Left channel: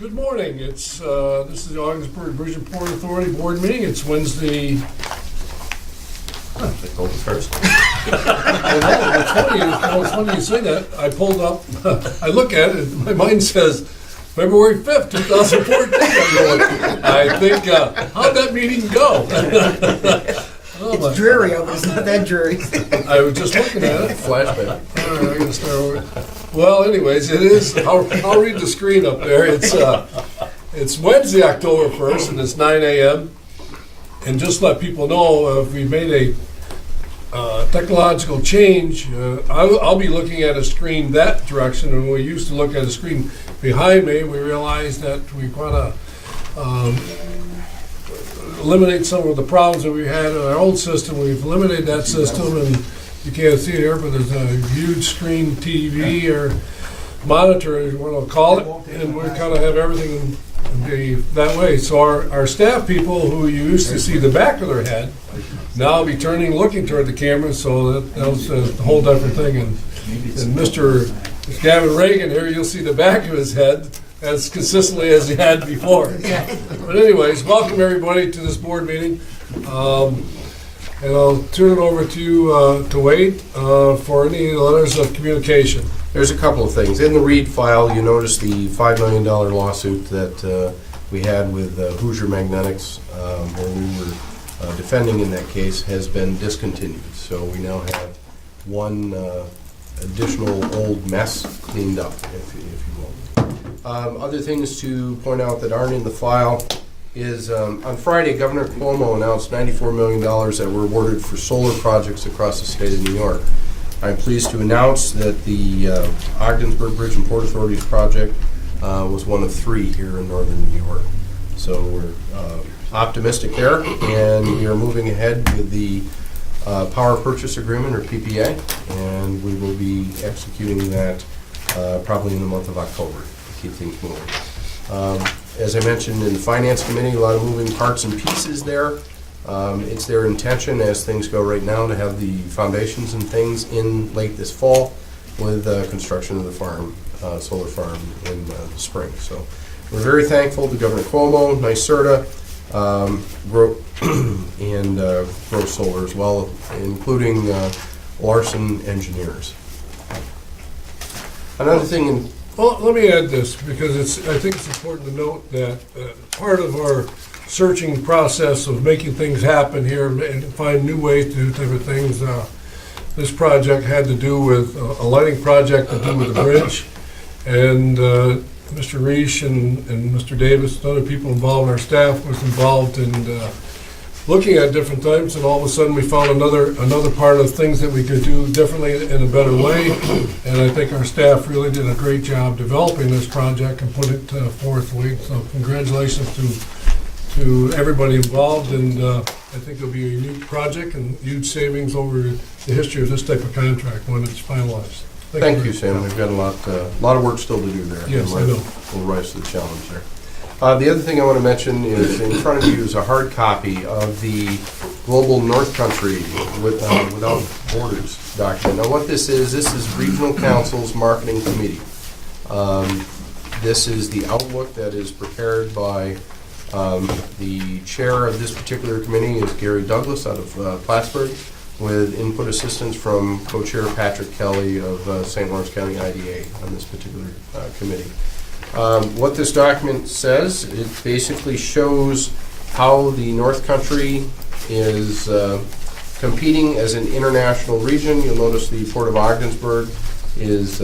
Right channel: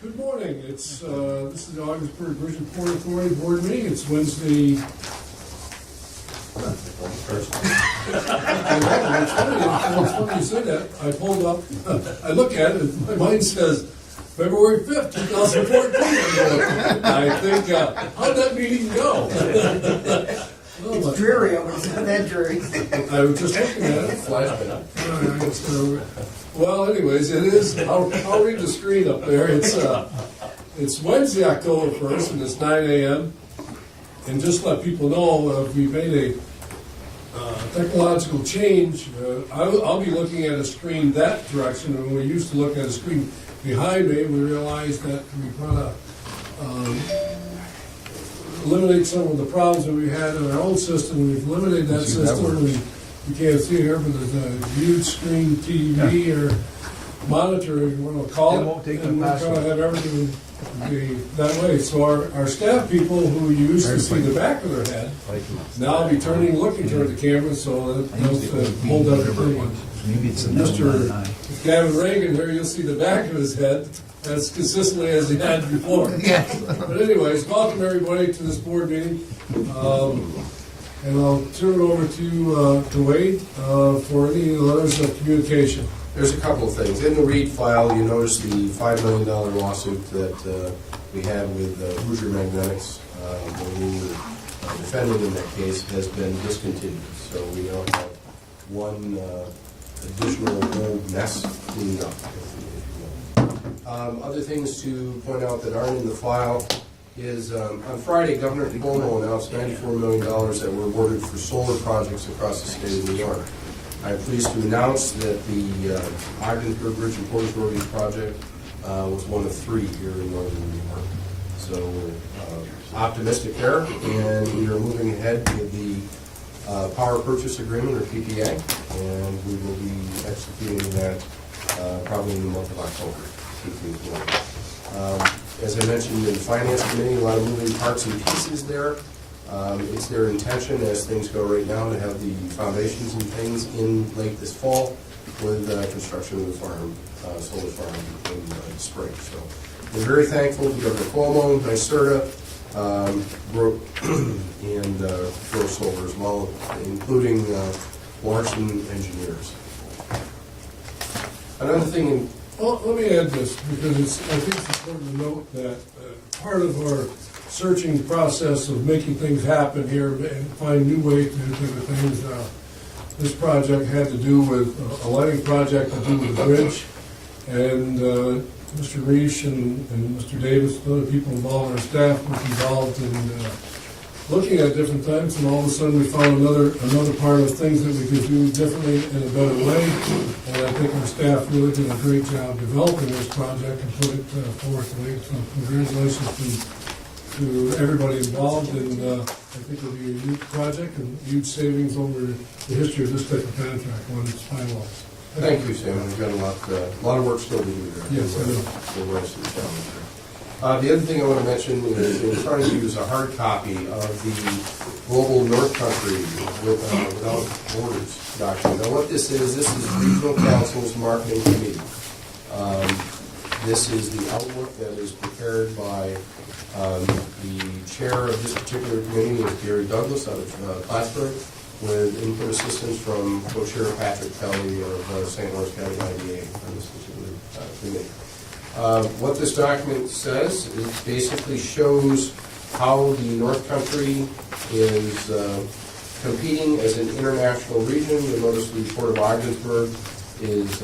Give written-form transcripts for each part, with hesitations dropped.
Good morning. It's this is the Ogdensburg Bridge and Port Authority Board meeting. It's Wednesday. They told us first. It's funny you say that. I pulled up. I look at it. And my mind says February 5th, 2014. I'm going, I think. How'd that meeting go? It's dreary, but it's not that dreary. I was just looking at it. Flashback. Well, anyways, it is. I'll read the screen up there. It's Wednesday, October 1st, and it's 9 a.m. And just let people know, we've made a technological change. I'll be looking at a screen that direction, and we used to look at a screen behind me. We realized that we want to eliminate some of the problems that we had in our old system. We've eliminated that system, and you can't see it here, but there's a huge screen TV or monitor, you want to call it, and we kind of have everything be that way. So our staff people who you used to see the back of their head now be looking toward the camera, so that was a whole different thing. And Mr. Gavin Reagan here, you'll see the back of his head as consistently as he had before. But anyways, welcome everybody to this board meeting. And I'll turn it over to Wade for any letters of communication. There's a couple of things. In the Reed file, you notice the $5 million lawsuit that we had with Hoosier Magnetics when we were defending in that case has been discontinued. So we now have one additional old mess cleaned up, if you will. Other things to point out that aren't in the file is on Friday, Governor Cuomo announced $94 million that were awarded for solar projects across the state of New York. I'm pleased to announce that the Ogdensburg Bridge and Port Authority's project was one of 3 here in northern New York. So we're optimistic there, and we are moving ahead with the Power Purchase Agreement, or PPA, and we will be executing that probably in the month of October to keep things moving. As I mentioned in the Finance Committee, a lot of moving parts and pieces there. It's their intention, as things go right now, to have the foundations and things in late this fall with construction of the farm, solar farm in spring. So we're very thankful to Governor Cuomo, NYSERDA, and Grow Solar as well, including Larson Engineers. Another thing. Well, let me add this, because I think it's important to note that part of our searching process of making things happen here and find new ways to do different things, this project had to do with a lighting project to do with the bridge. And Mr. Reish and Mr. Davis and other people involved in our staff was involved in looking at different things, and all of a sudden we found another part of things that we could do differently in a better way. And I think our staff really did a great job developing this project and put it forth. So congratulations to everybody involved, and I think it'll be a unique project and huge savings over the history of this type of contract when it's finalized. Thank you, Sam. We've got a lot of work still to do there. Yes, I know. We'll rise to the challenge there. The other thing I want to mention is in front of you is a hard copy of the Global North Country Without Borders document. Now what this is Regional Council's Marketing Committee. This is the outlook that is prepared by the chair of this particular committee is Gary Douglas out of Plattsburgh, with input assistance from co-chair Patrick Kelly of St. Lawrence County IDA on this particular committee. What this document says, it basically shows how the North Country is competing as an international region. You'll notice the Port of Ogdensburg is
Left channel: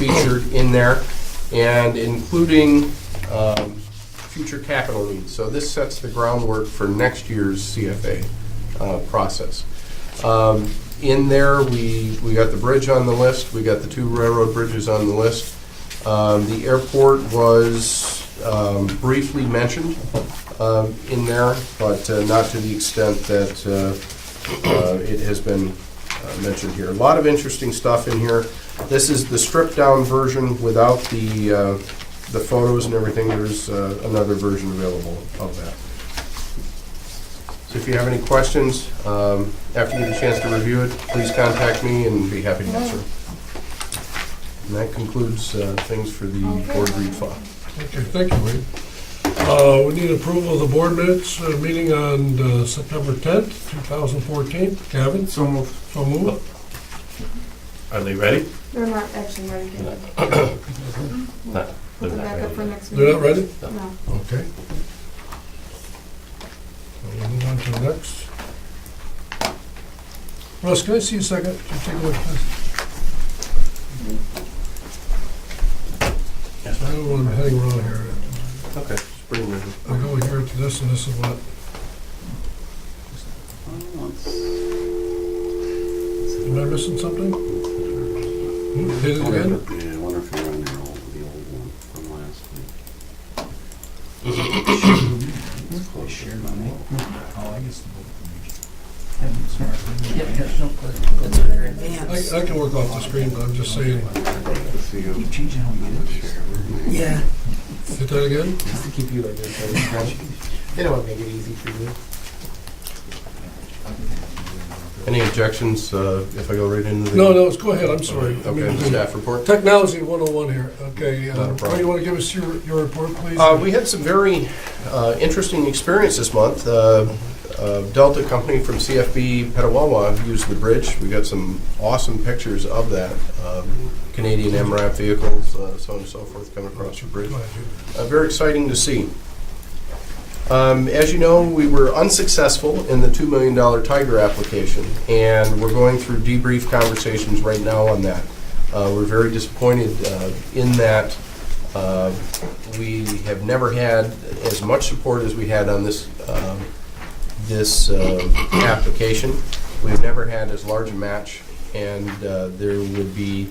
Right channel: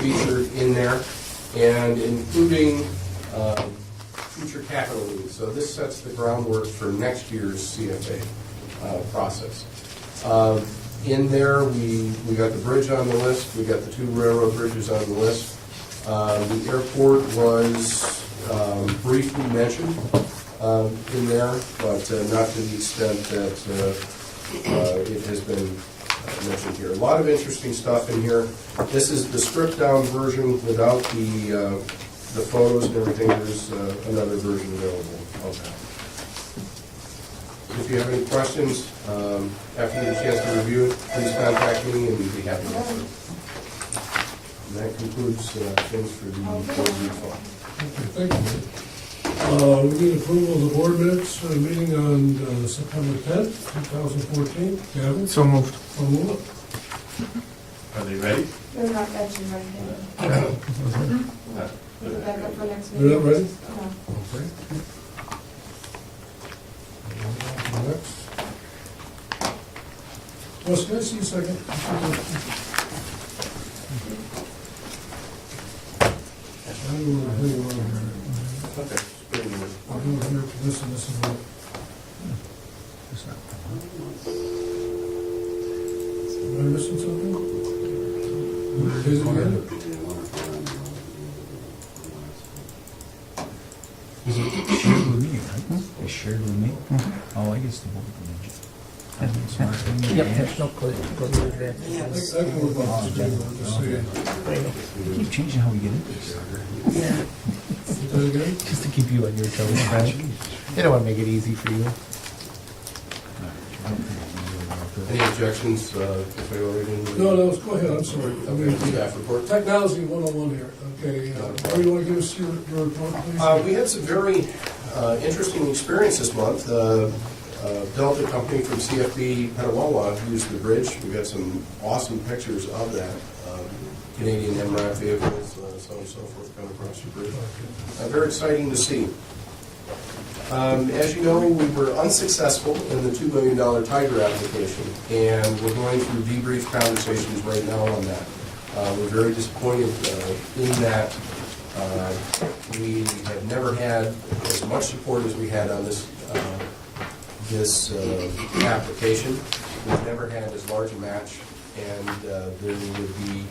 featured in there, and including future capital needs. So this sets the groundwork for next year's CFA process. In there, we got the bridge on the list. We got the 2 railroad bridges on the list. The airport was briefly mentioned in there, but not to the extent that it has been mentioned here. A lot of interesting stuff in here. This is the stripped down version without the photos and everything. There's another version available of that. So if you have any questions, after you get a chance to review it, please contact me and be happy to answer. And that concludes things for the board read file. Okay, thank you, Lee. We need approval of the board minutes, meeting on September 10th, 2014. Kevin? So moved. So move. Are they ready? They're not actually ready to, No. put them back up for next They're meeting. not ready? No. Okay. We'll move on to the next. Russ, can I see a second? Can you take a look, please? I don't want to hang around here. Okay. Just bring it in. I go here to this and this is what. Am I missing something? Hit it again? Yeah, I wonder if you're on there, the old one from last week. You shared with me? Oh, I guess. Yep, there's no clue. Go to the advance. I can work off the screen, but I'm just saying. Keep changing how we get it. Yeah, Hit that again? Just to keep you on your toes. They don't want to make it easy for you. Any objections if I go right into the... No, go ahead, I'm sorry. I Okay, mean, staff report. Technology 101 here. Okay, Not a problem. Ray, you want to give us your report, please? We had some very interesting experience this month. Delta company from CFB Petawawa used the bridge. We got some awesome pictures of that. Canadian MRAP vehicles, so on and so forth, coming across the bridge. Very exciting to see. As you know, we were unsuccessful in the $2 million Tiger application, and we're going through debrief conversations right now on that. We're very disappointed in that. We have never had as much support as we had on this application. We've never had as large a match, and there would be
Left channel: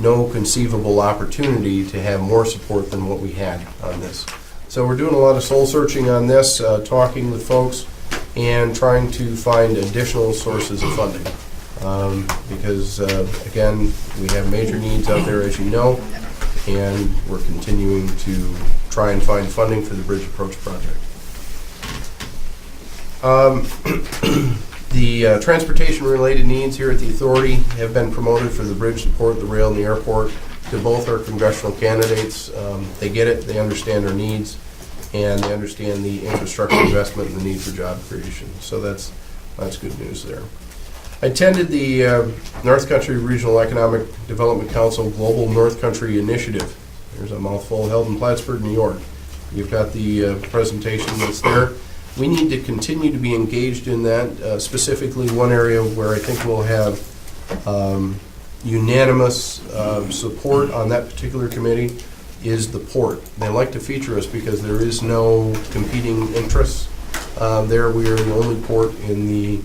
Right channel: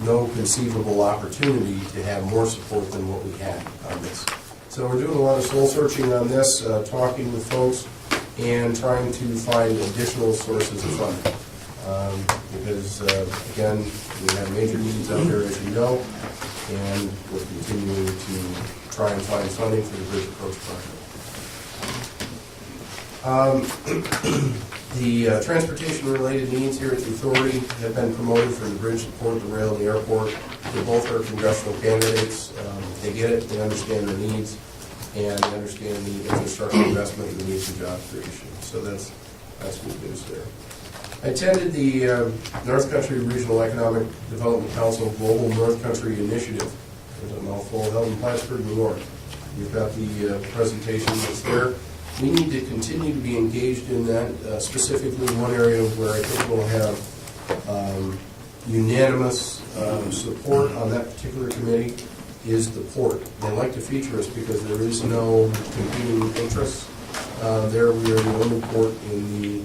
no conceivable opportunity to have more support than what we had on this. So we're doing a lot of soul searching on this, talking with folks, and trying to find additional sources of funding. Because, again, we have major needs out there, as you know, and we're continuing to try and find funding for the Bridge Approach project. The transportation-related needs here at the authority have been promoted for the bridge, the port, the rail, and the airport to both our congressional candidates. They get it, they understand our needs, and they understand the infrastructure investment and the need for job creation. So that's good news there. I attended the North Country Regional Economic Development Council Global North Country Initiative. There's a mouthful, held in Plattsburgh, New York. You've got the presentation that's there. We need to continue to be engaged in that, specifically one area where I think we'll have unanimous support on that particular committee is the port. They like to feature us because there is no competing interests. There we are the only port in the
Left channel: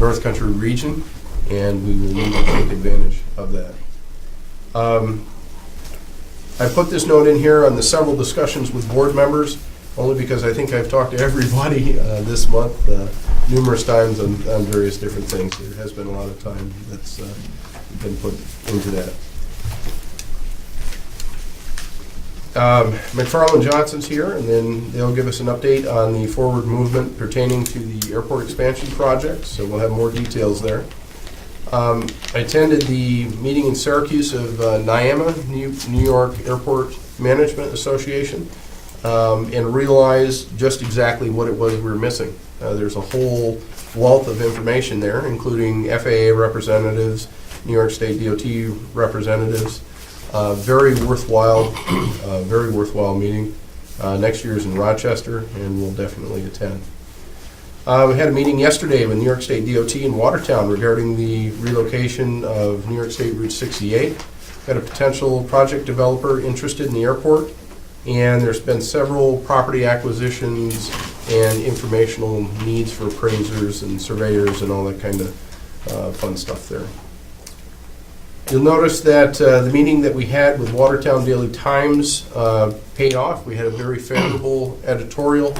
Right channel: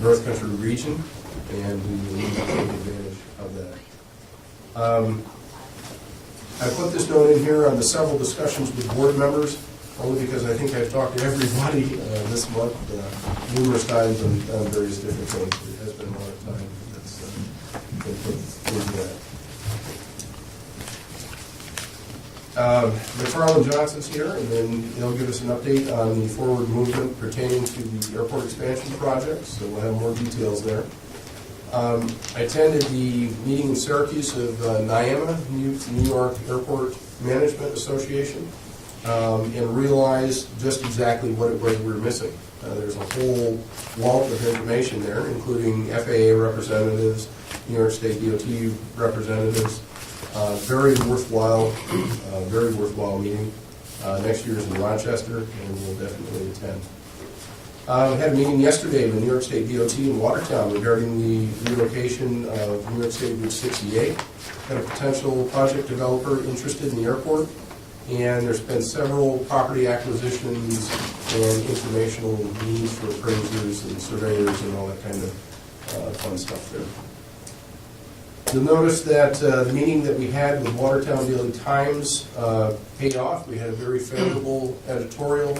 North Country region, and we will need to take advantage of that. I put this note in here on the several discussions with board members, only because I think I've talked to everybody this month numerous times on various different things. There has been a lot of time that's been put into that. McFarland Johnson's here, and then they'll give us an update on the forward movement pertaining to the airport expansion project, so we'll have more details there. I attended the meeting in Syracuse of NYAMA, New York Airport Management Association, and realized just exactly what it was we were missing. There's a whole wealth of information there, including FAA representatives, New York State DOT representatives. Very worthwhile meeting. Next year is in Rochester, and we'll definitely attend. We had a meeting yesterday with New York State DOT in Watertown regarding the relocation of New York State Route 68. Got a potential project developer interested in the airport, and there's been several property acquisitions and informational needs for appraisers and surveyors and all that kind of fun stuff there. You'll notice that the meeting that we had with Watertown Daily Times paid off. We had a very favorable editorial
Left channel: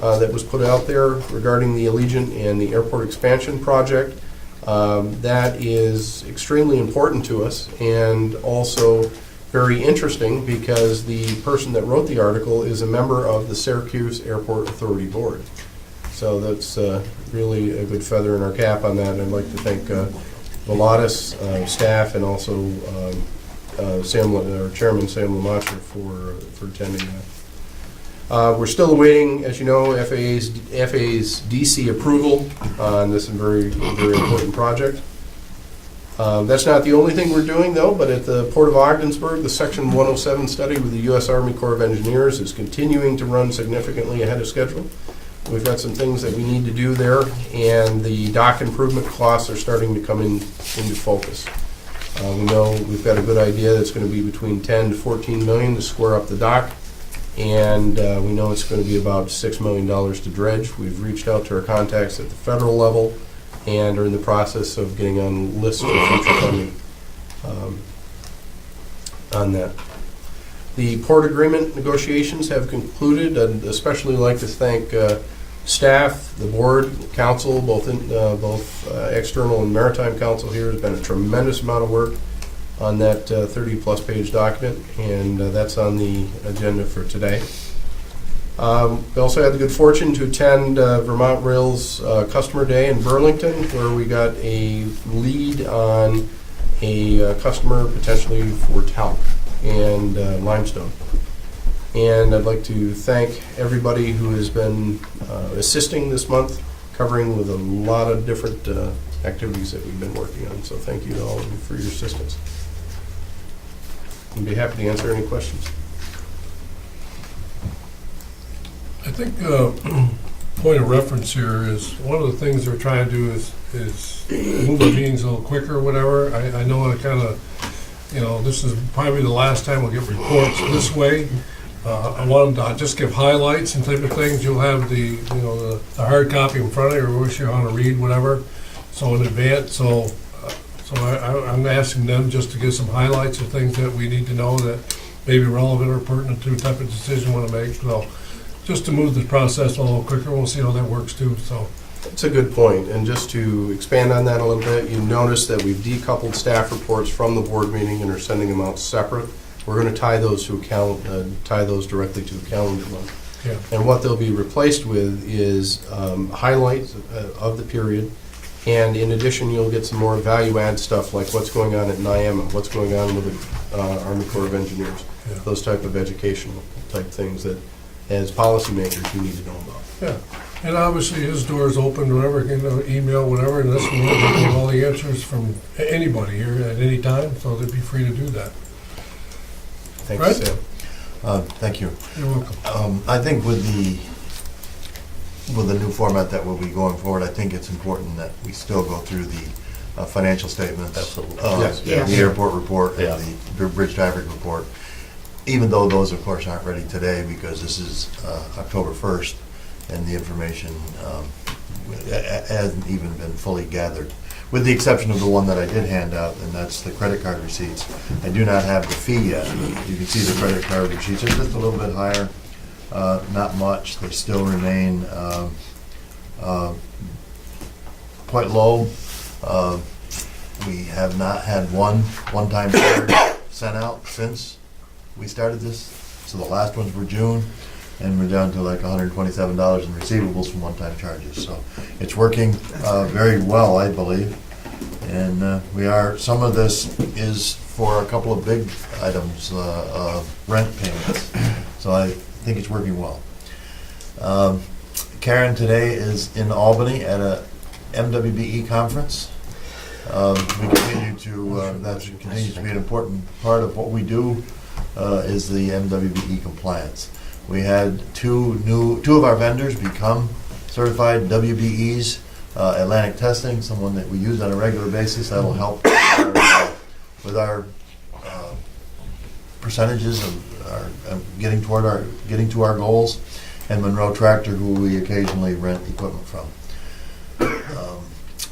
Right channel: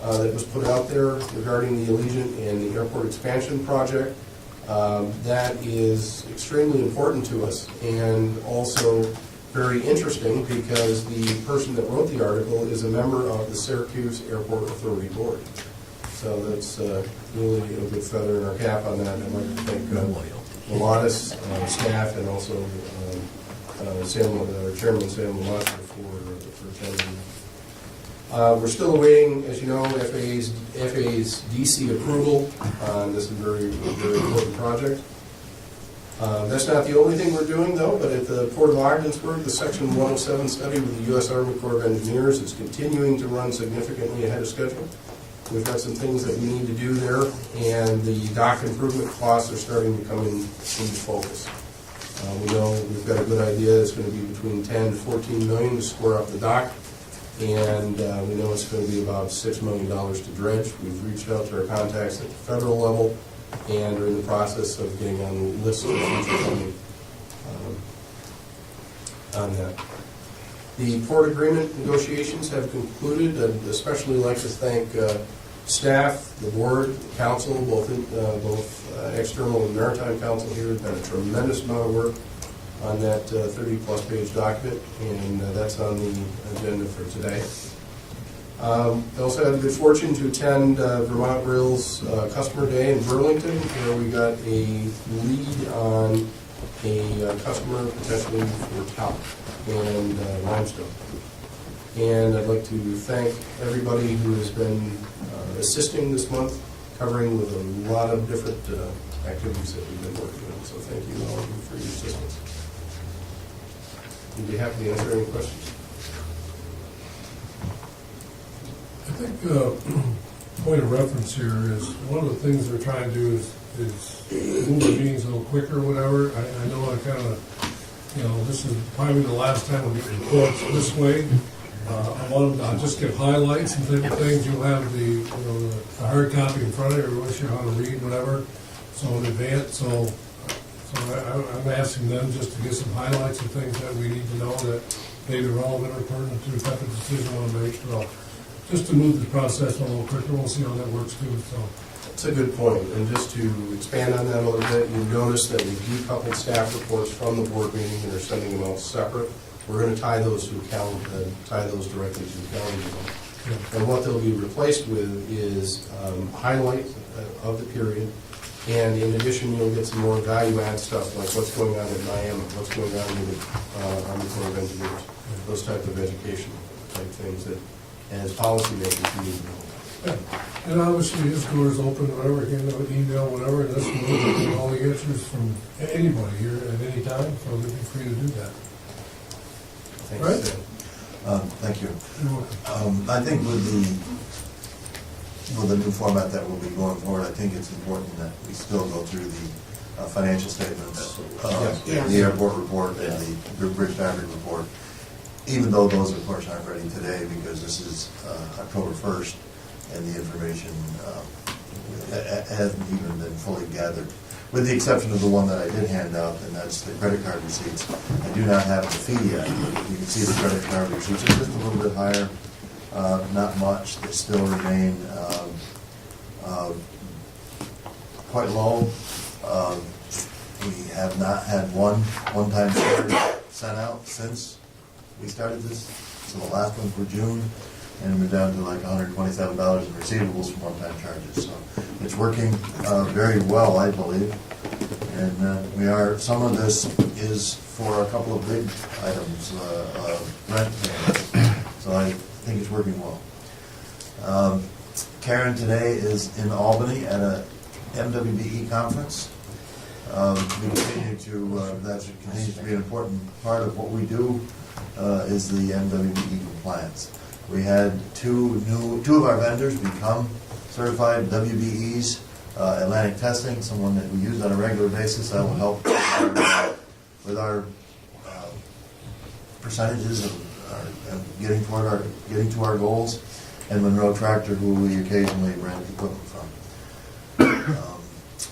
that was put out there regarding the Allegiant and the airport expansion project. That is extremely important to us, and also very interesting because the person that wrote the article is a member of the Syracuse Airport Authority Board. So that's really a good feather in our cap on that, and I'd like to thank Volatus staff and also Chairman Sam Lamasha for attending that. We're still awaiting, as you know, FAA's DC approval on this very, very important project. That's not the only thing we're doing, though, but at the Port of Ogdensburg, the Section 107 study with the U.S. Army Corps of Engineers is continuing to run significantly ahead of schedule. We've got some things that we need to do there, and the dock improvement costs are starting to come into focus. We know we've got a good idea that's going to be between 10 to 14 million to square up the dock, and we know it's going to be about $6 million to dredge. We've reached out to our contacts at the federal level and are in the process of getting on lists for future funding on that. The port agreement negotiations have concluded. I'd especially like to thank staff, the board, council, both external and maritime council here. Has been a tremendous amount of work on that 30-plus page document, and that's on the agenda for today. We also had the good fortune to attend Vermont Rail's Customer Day in Burlington, where we got a lead on a customer potentially for talc and limestone. And I'd like to thank everybody who has been assisting this month, covering with a lot of different activities that we've been working on. So thank you to all of you for your assistance. I'd be happy to answer any questions. I think point of reference here is one of the things they're trying to do is move the meetings a little quicker or whatever. I know I kind of, this is probably the last time we'll get reports this way. I want them to just give highlights and type of things. You'll have the hard copy in front of you, or wish you want to read, whatever. So in advance, so I'm asking them just to give some highlights of things that we need to know that may be relevant or pertinent to the type of decision we want to make. So just to move the process a little quicker, we'll see how that works too. So that's a good point. And just to expand on that a little bit, you notice that we've decoupled staff reports from the board meeting and are sending them out separate. We're going to tie those directly to a calendar month. yeah. And what they'll be replaced with is highlights of the period. And in addition, you'll get some more value-add stuff like what's going on at NIAMA, what's going on with the Army Corps of Engineers, Yeah. those type of educational type things that, as policymakers, you need to know about. Yeah, and obviously his door is open, whatever, email, whatever, and this will get all the answers from anybody here at any time, so they'd be free to do that. Thanks, Right? Sam. Thank you. You're welcome. I think with the new format that we'll be going forward, I think it's important that we still go through the financial statements. Absolutely. Yes. Yeah. The airport report and Yeah. the bridge traffic report, even though those, of course, aren't ready today because this is October 1st and the information hasn't even been fully gathered. With the exception of the one that I did hand out, and that's the credit card receipts. I do not have the fee yet. You can see the credit card receipts are just a little bit higher, not much. They still remain quite low. We have not had one-time charge sent out since we started this. So the last ones were June, and we're down to like $127 in receivables from one-time charges. So it's working very well, I believe. And some of this is for a couple of big items, rent payments. So I think it's working well. Karen today is in Albany at a MWBE conference. We continue to, that continues to be an important part of what we do, is the MWBE compliance. We had two of our vendors become certified WBEs, Atlantic Testing, someone that we use on a regular basis. That will help with our percentages of getting to our goals, and Monroe Tractor, who we occasionally rent equipment from.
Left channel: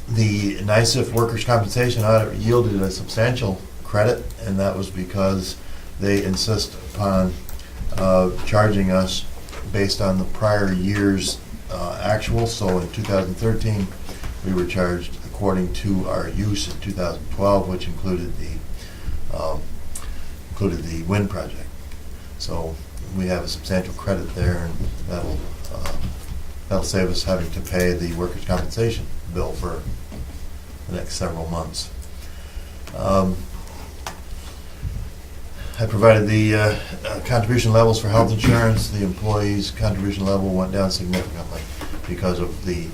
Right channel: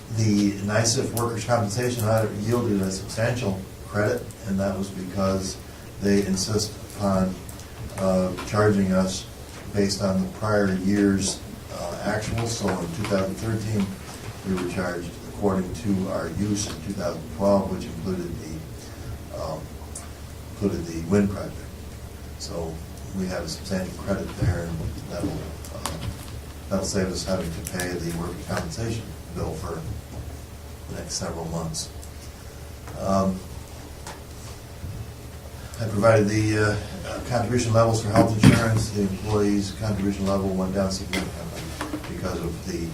The NICEF workers' compensation audit yielded a substantial credit, and that was because they insist upon charging us based on the prior year's actual. So in 2013, we were charged according to our use in 2012, which included the wind project. So we have a substantial credit there, and that'll save us having to pay the workers' compensation bill for the next several months. I provided the contribution levels for health insurance. The employees' contribution level went down significantly because of the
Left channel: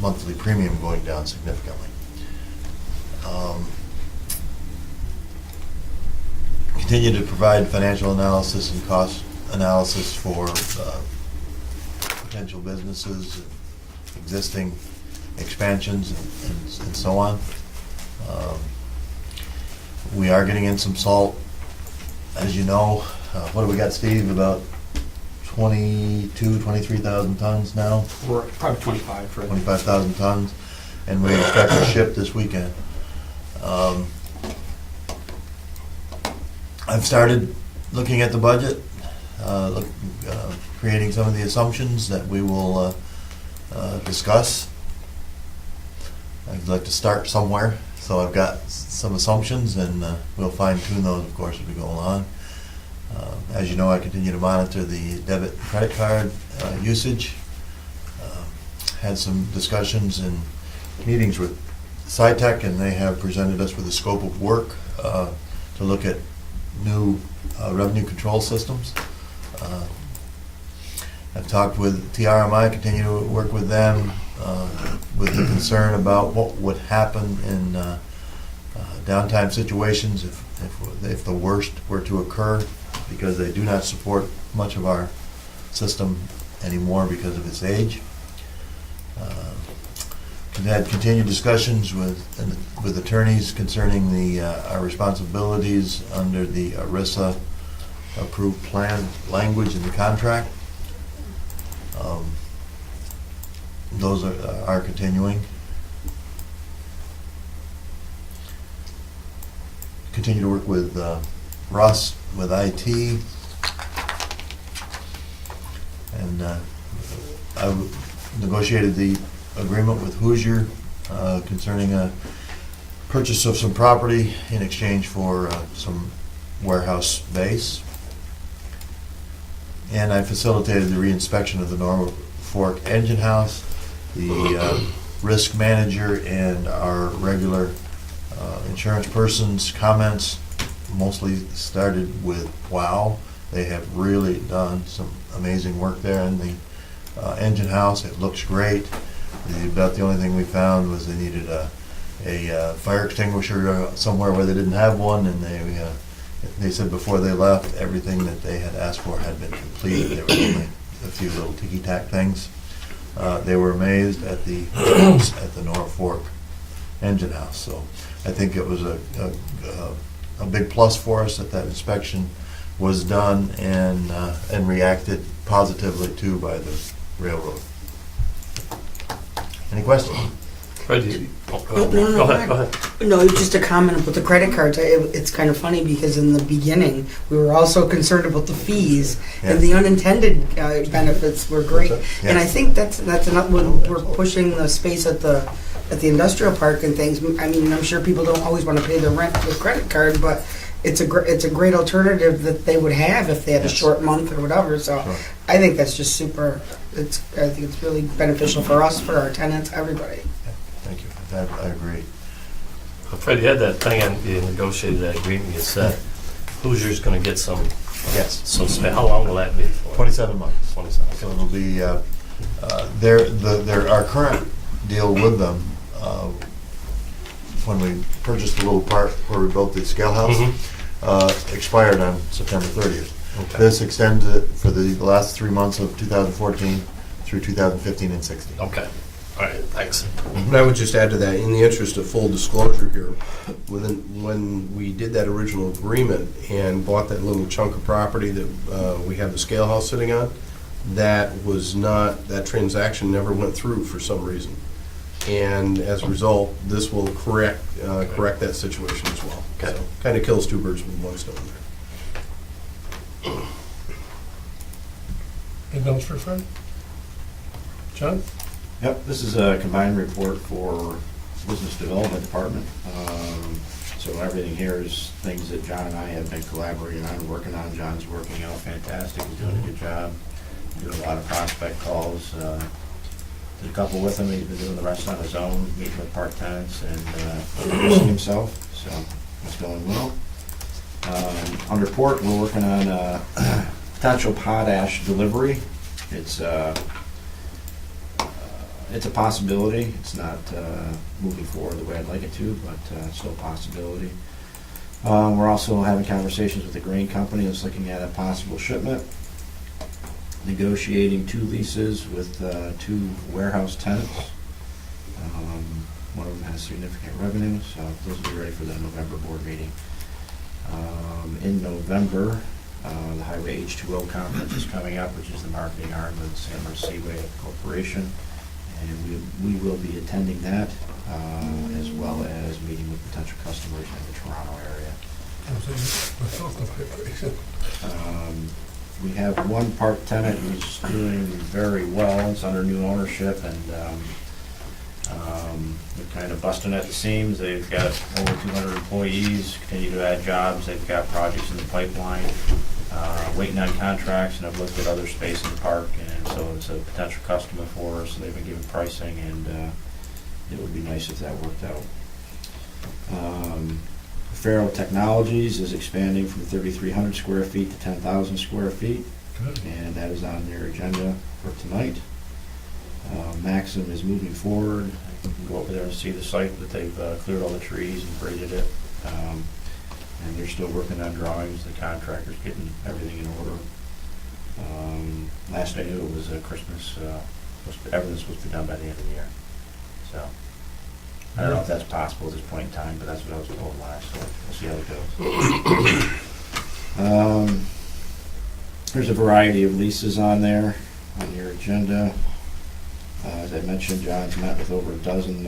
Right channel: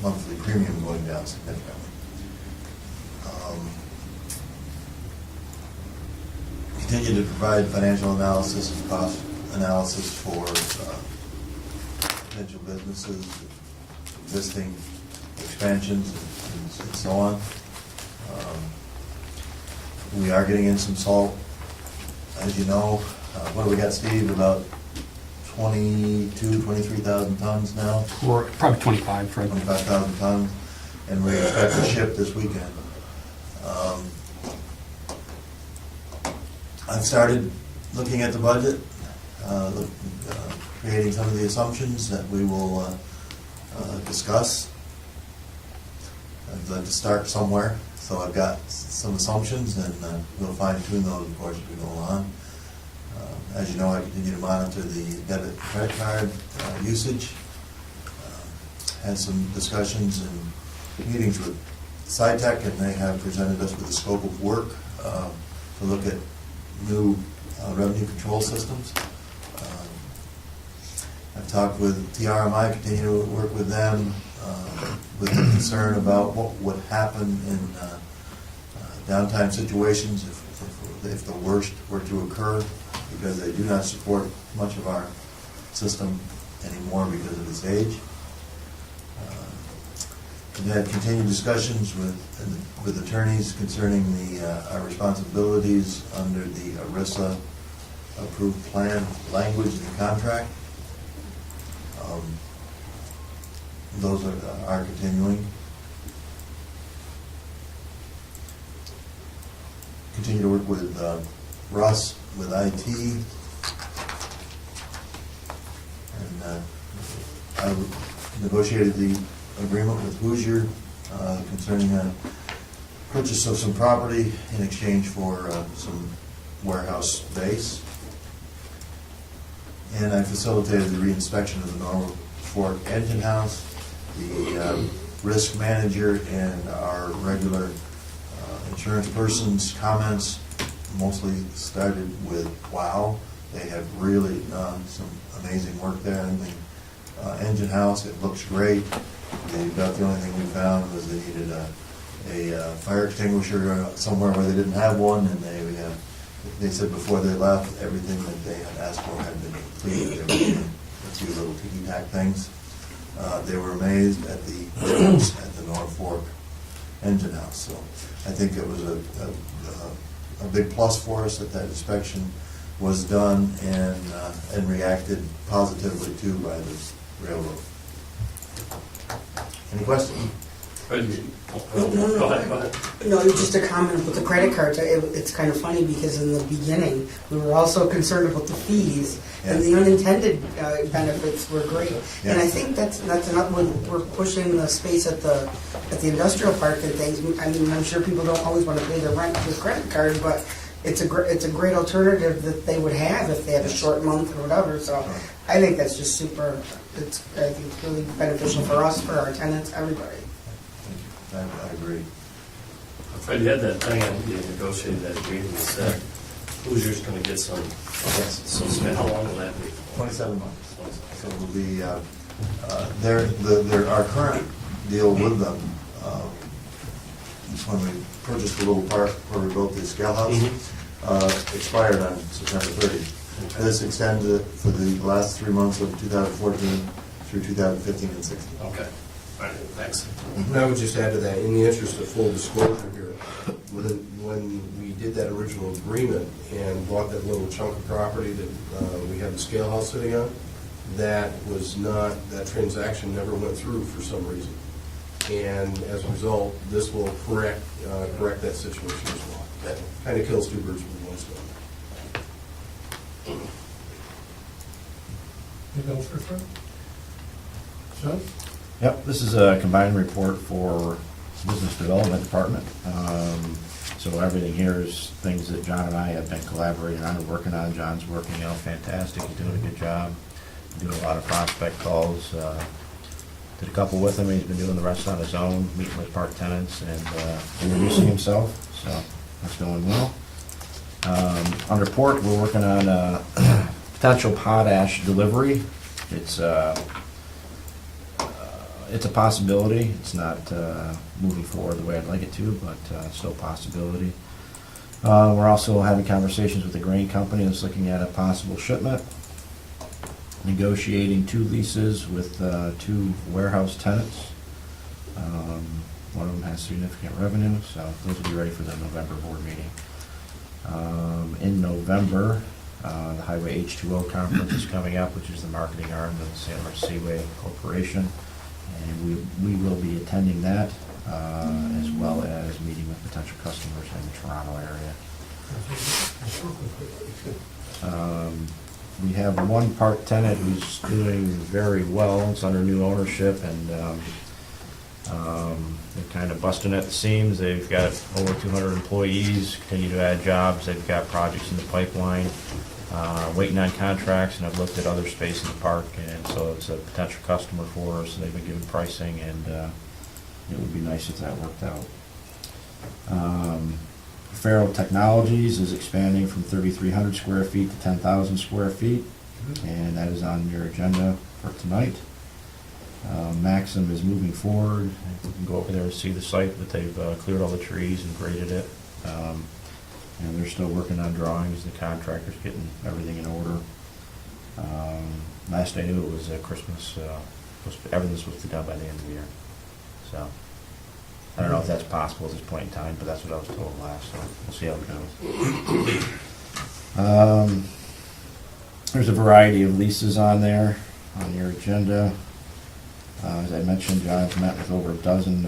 monthly premium going down significantly. Continue to provide financial analysis and cost analysis for potential businesses, existing expansions, and so on. We are getting in some salt, as you know. What do we got, Steve? About 23,000 tons now? Or probably 25 for 25,000 tons, and we expect to ship this weekend. I've started looking at the budget, creating some of the assumptions that we will discuss. I'd like to start somewhere, so I've got some assumptions, and we'll fine tune those, of course, as we go along. As you know, I continue to monitor the debit and credit card usage. Had some discussions and meetings with SciTech, and they have presented us with a scope of work to look at new revenue control systems. I've talked with TRMI, continue to work with them with the concern about what would happen in downtime situations if the worst were to occur, because they do not support much of our system anymore because of its age. Had continued discussions with attorneys concerning our responsibilities under the ERISA approved plan language in the contract. Those are continuing. Continue to work with Russ with IT, and I negotiated the agreement with Hoosier concerning a purchase of some property in exchange for some warehouse space. And I facilitated the reinspection of the Norfolk engine house. The risk manager and our regular insurance person's comments mostly started with, wow, they have really done some amazing work there in the engine house. It looks great. About the only thing we found was they needed a fire extinguisher somewhere where they didn't have one, and they said before they left, everything that they had asked for had been completed. There were only a few little ticky-tack things. They were amazed at the Norfolk engine house. So I think it was a big plus for us that inspection was done and reacted positively to by the railroad. Any questions? Ready? No, Go ahead. No, just a comment about the credit cards. It's kind of funny because in the beginning, we were also concerned about the fees, and the unintended benefits were great. And I think that's another, we're pushing the space at the industrial park and things. I mean, I'm sure people don't always want to pay their rent with credit card, but it's a great alternative that they would have if they have a short month or whatever. So Sure. I think that's just super. I think it's really beneficial for us, for our tenants, everybody. Thank you. I agree. Fred, you had that thing on, you negotiated that agreement, you said Hoosier's gonna get some, Yes. so how long will that be for? 27 months. 27. So it'll be, our current deal with them, when we purchased the little part where we built the scale house, expired on September 30th. Okay. This extends it for the last 3 months of 2014 through 2015 and 16. Okay, all right, thanks. And I would just add to that, in the interest of full disclosure here, when we did that original agreement and bought that little chunk of property that we have the scale house sitting on, that transaction never went through for some reason. And as a result, this will correct that situation as well. Okay. Kind of kills two birds with one stone. Anything else for Fred? John? Yep, this is a combined report for Business Development Department. So everything here is things that John and I have been collaborating on and working on. John's working out fantastic, he's doing a good job, doing a lot of prospect calls. Did a couple with him, he's been doing the rest on his own, meeting with park tenants and introducing himself, so it's going well. On report, we're working on potential potash delivery. It's a possibility. It's not moving forward the way I'd like it to, but still a possibility. We're also having conversations with the grain company that's looking at a possible shipment. Negotiating 2 leases with 2 warehouse tenants. One of them has significant revenue, so those will be ready for the November board meeting. In November, the Highway H2O conference is coming up, which is the marketing arm of the St. Louis Seaway Corporation, and we will be attending that, as well as meeting with potential customers in the Toronto area. We have one park tenant who's doing very well. It's under new ownership, and they're kind of busting at the seams. They've got over 200 employees, continue to add jobs. They've got projects in the pipeline, waiting on contracts, and I've looked at other space in the park, and so it's a potential customer for us. They've been given pricing, and it would be nice if that worked out. Farrell Technologies is expanding from 3,300 square feet to 10,000 square feet, and that is on your agenda for tonight. Maxim is moving forward. You can go over there and see the site, but they've cleared all the trees and graded it, and they're still working on drawings. The contractor's getting everything in order. Last I knew, it was Christmas. Everything's supposed to be done by the end of the year. So I don't know if that's possible at this point in time, but that's what I was told last, so we'll see how it goes. There's a variety of leases on there, on your agenda. As I mentioned, John's met with over a dozen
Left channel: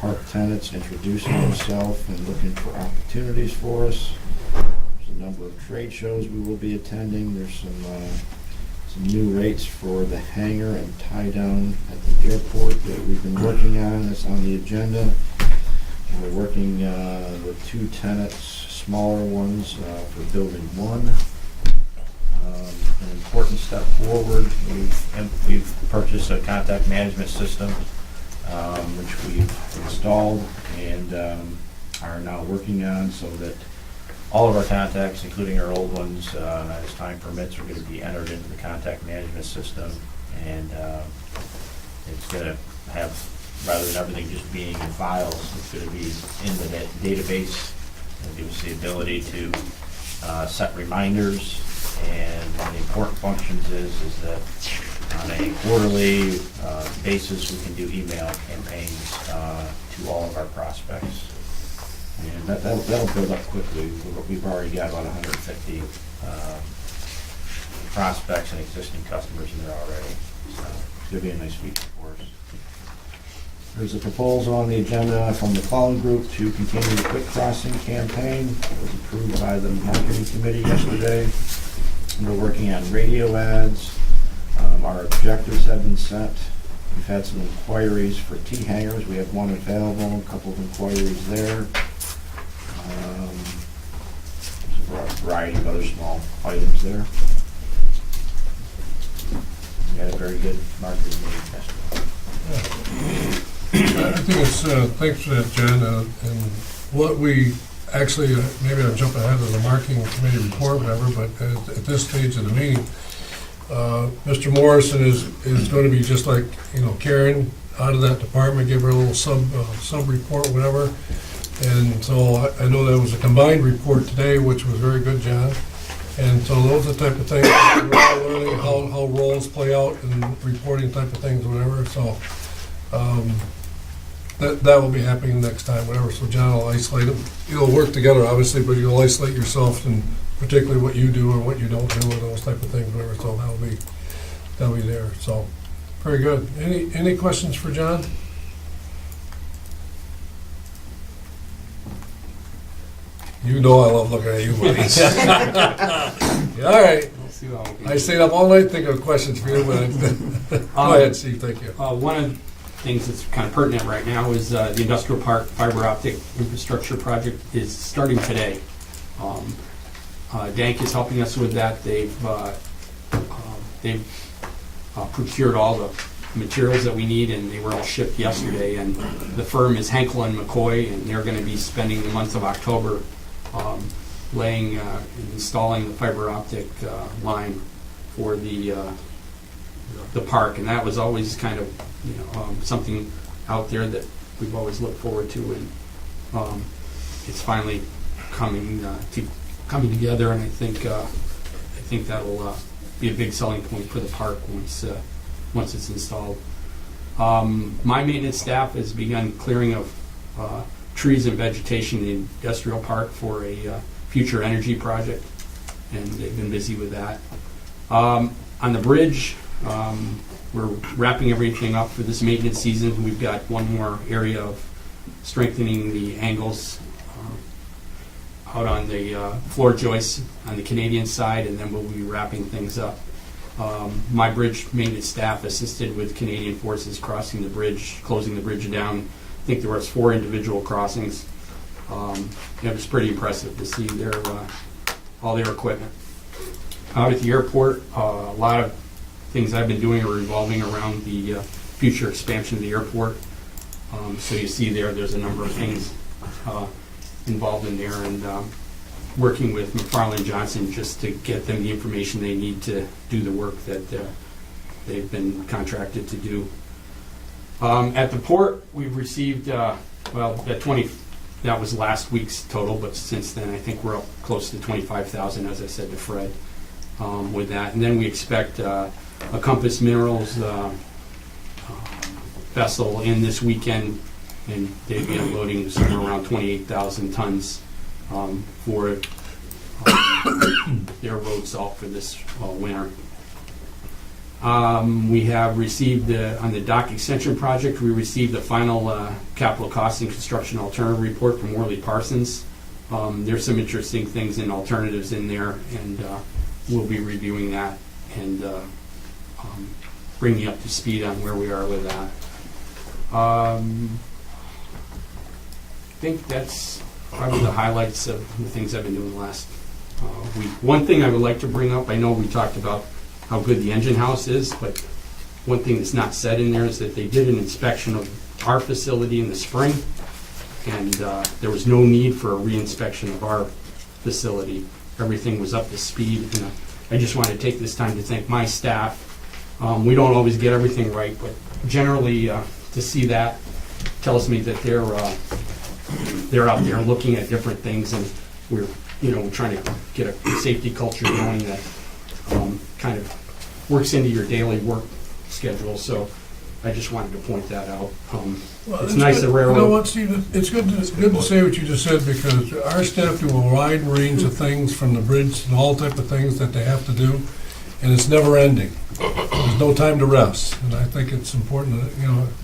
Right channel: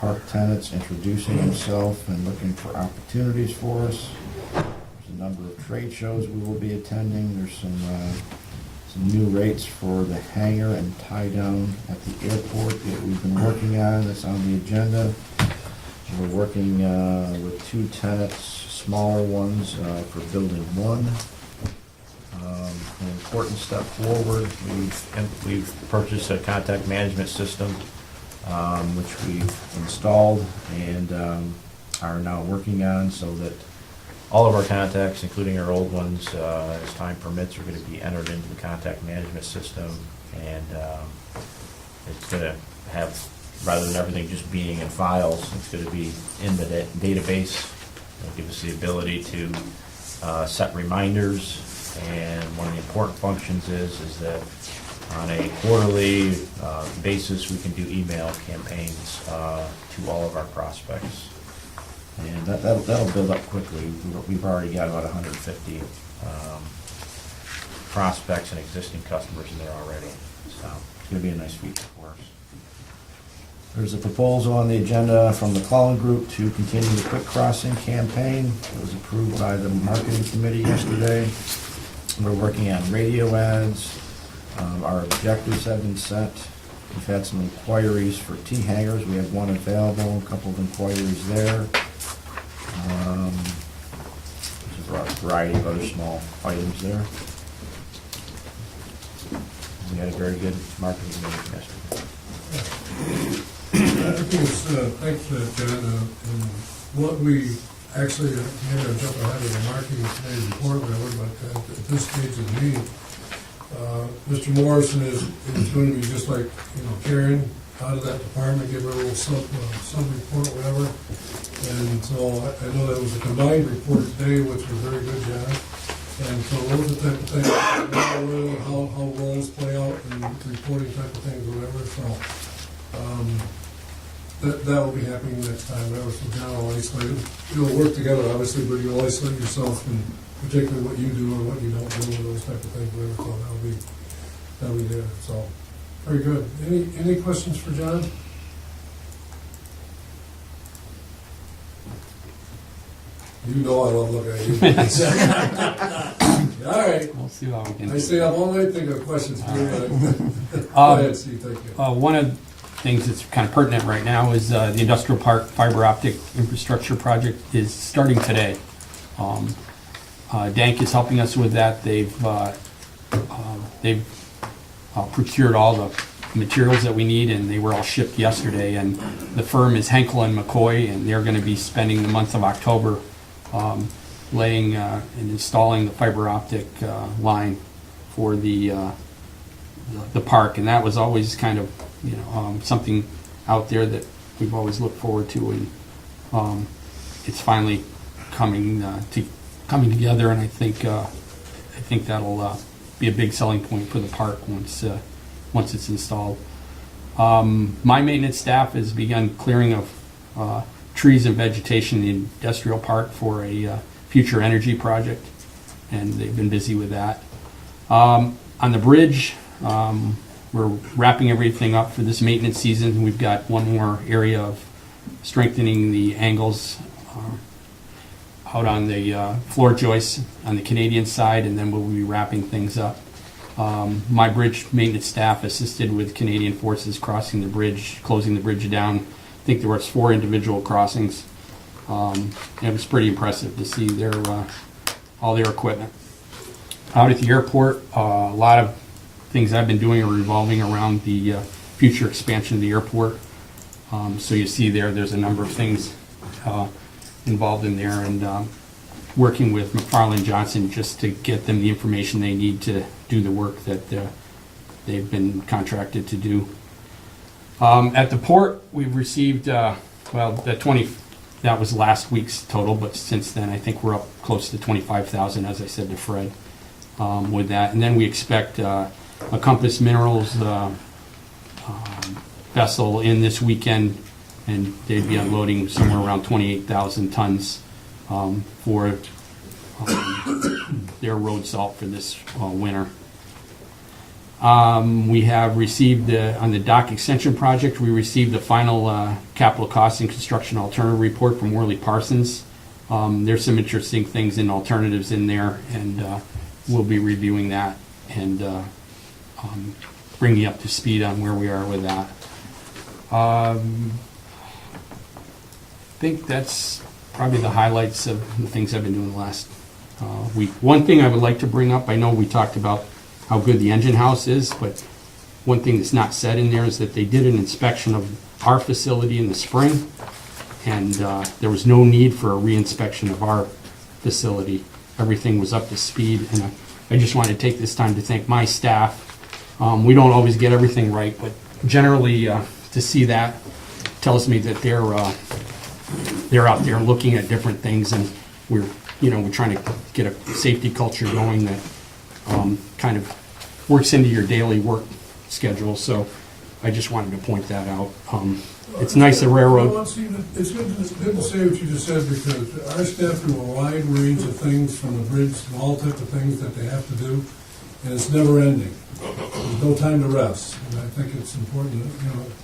park tenants, introducing himself and looking for opportunities for us. There's a number of trade shows we will be attending. There's some new rates for the hangar and tie down at the airport that we've been working on. That's on the agenda. We're working with 2 tenants, smaller ones, for building 1. An important step forward, we've purchased a contact management system, which we've installed and are now working on, so that all of our contacts, including our old ones, as time permits, are going to be entered into the contact management system, and it's going to have, rather than everything just being in files, it's going to be in the database. It'll give us the ability to set reminders, and one of the important functions is that on a quarterly basis, we can do email campaigns to all of our prospects. And that'll build up quickly. We've already got about 150 prospects and existing customers in there already. So it's going to be a nice feature for us. There's a proposal on the agenda from the Clown Group to continue the Quick Crossing campaign. It was approved by the marketing committee yesterday. We're working on radio ads. Our objectives have been set. We've had some inquiries for T-hangers. We have 1 available, a couple of inquiries there. There's a variety of other small items there. We had a very good marketing meeting yesterday. I think it's, thanks for that, Jen, and what we actually, maybe I'm jumping ahead of the marketing committee report, whatever, but at this stage of the meeting, Mr. Morrison is going to be just like, Karen, out of that department, give her a little sub report, whatever. And so I know that was a combined report today, which was very good, Jen. And so those are the type of things, how roles play out and reporting type of things, whatever. So that will be happening next time, whatever. So John will isolate them. You'll work together, obviously, but you'll isolate yourself, and particularly what you do or what you don't do, and those type of things, whatever. So that'll be there. So very good. Any questions for John? You know I love looking at you, buddies. All right. We'll see what we can I do. stayed up all night thinking of questions for you, but go ahead, Steve. Thank you. One of the things that's kind of pertinent right now is the industrial park fiber optic infrastructure project is starting today. Dank is helping us with that. They've procured all the materials that we need, and they were all shipped yesterday. And the firm is Henkel and McCoy, and they're going to be spending the month of October laying and installing the fiber optic line for the park, and that was always kind of, you know, something out there that we've always looked forward to, and it's finally coming together, and I think that'll be a big selling point for the park once it's installed. My maintenance staff has begun clearing of trees and vegetation in the industrial park for a future energy project, and they've been busy with that. On the bridge, we're wrapping everything up for this maintenance season. We've got one more area of strengthening the angles out on the floor joists on the Canadian side, and then we'll be wrapping things up. My bridge maintenance staff assisted with Canadian forces crossing the bridge, closing the bridge down. I think there was 4 individual crossings. It was pretty impressive to see all their equipment. Out at the airport, a lot of things I've been doing are revolving around the future expansion of the airport. So you see there's a number of things involved in there, and working with McFarland Johnson just to get them the information they need to do the work that they've been contracted to do. At the port, we've received, that was last week's total, but since then I think we're up close to 25,000, as I said to Fred, with that. And then we expect a Compass Minerals vessel in this weekend, and they'd be unloading somewhere around 28,000 tons for their road salt for this winter. We have received, on the dock extension project, we received the final capital cost and construction alternative report from Worley Parsons. There's some interesting things and alternatives in there, and we'll be reviewing that and bring you up to speed on where we are with that. I think that's probably the highlights of the things I've been doing the last week. One thing I would like to bring up, I know we talked about how good the engine house is, but one thing that's not said in there is that they did an inspection of our facility in the spring, and there was no need for a re-inspection of our facility. Everything was up to speed, and I just wanted to take this time to thank my staff. We don't always get everything right, but generally to see that tells me that they're out there looking at different things, and we're trying to get a safety culture going that kind of works into your daily work schedule. So I just wanted to point that out. It's nice good. the railroad. You know what, Steve? It's good to say what you just said, because our staff do a wide range of things, from the bridge and all type of things that they have to do, and it's never ending. There's no time to rest, and I think it's important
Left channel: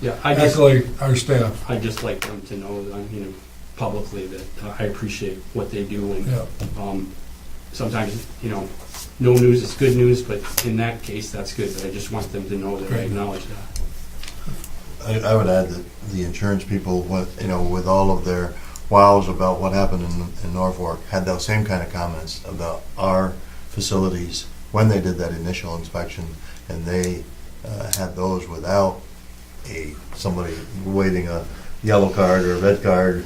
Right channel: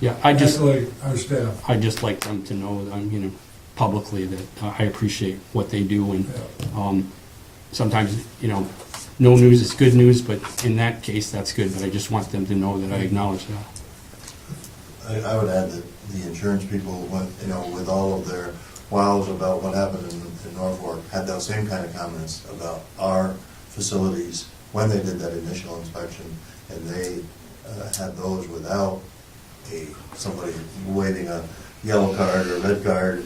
to accolade our staff. I just like them to know that publicly that I appreciate what they do, and sometimes no news is good news, but in that case that's good. But I just want them to know that I acknowledge that. I would add that the insurance people, with all of their wows about what happened in Norfolk, had those same kind of comments about our facilities when they did that initial inspection, and they had those without somebody waving a yellow card or a red card,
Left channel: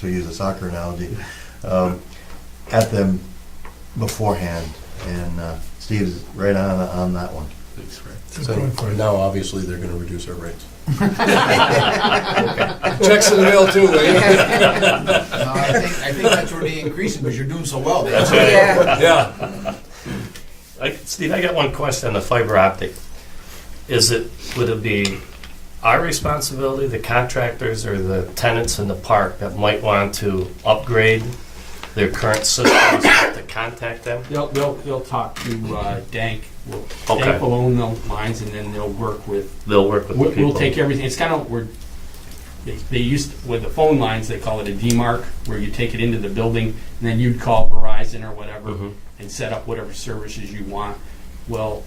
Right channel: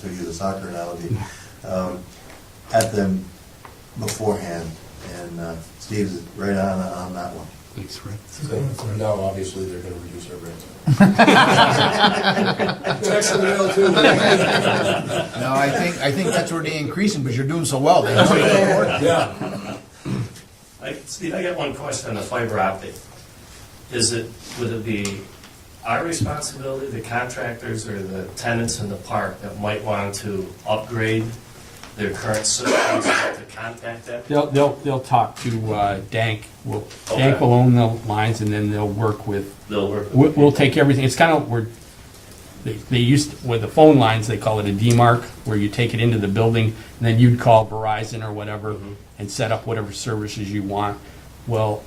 to use a soccer analogy, at them beforehand. And Steve's right on that one. Thanks, Fred. So now obviously they're going to reduce our rates. Checks in the mail too. No, I think that's where they increasing, because you're doing so well. Yeah. Steve, I got one question on the fiber optic. Would it be our responsibility, the contractors or the tenants in the park that might want to upgrade their current systems to contact them? They'll talk to Dank. Okay. Dank will own the lines, and then they'll work with. the people. We'll take everything. It's kind of they used with the phone lines. They call it a DMARC, where you take it into the building, and then you'd call Verizon or whatever and set up whatever services you want. Well,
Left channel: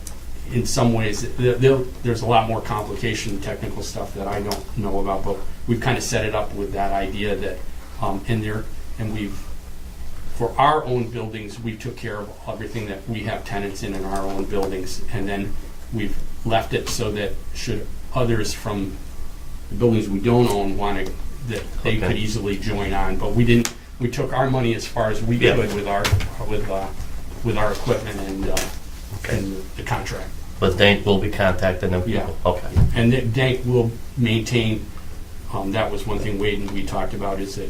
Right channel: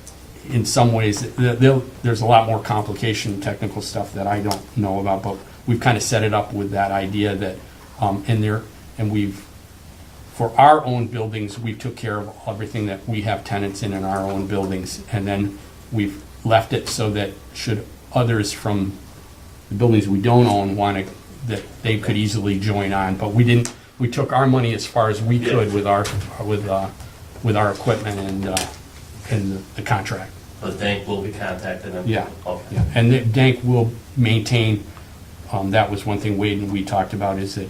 in some ways, there's a lot more complication, technical stuff that I don't know about, but we've kind of set it up with that idea that for our own buildings, we took care of everything that we have tenants in our own buildings, and then we've left it so that should others from the buildings we don't own want to, that they could easily join on. But we didn't we took our money as far as we Yeah. could with our equipment and the contract. But Dank will be contacting them Yeah. people? Okay. And Dank will maintain, that was one thing Wade and we talked about, is that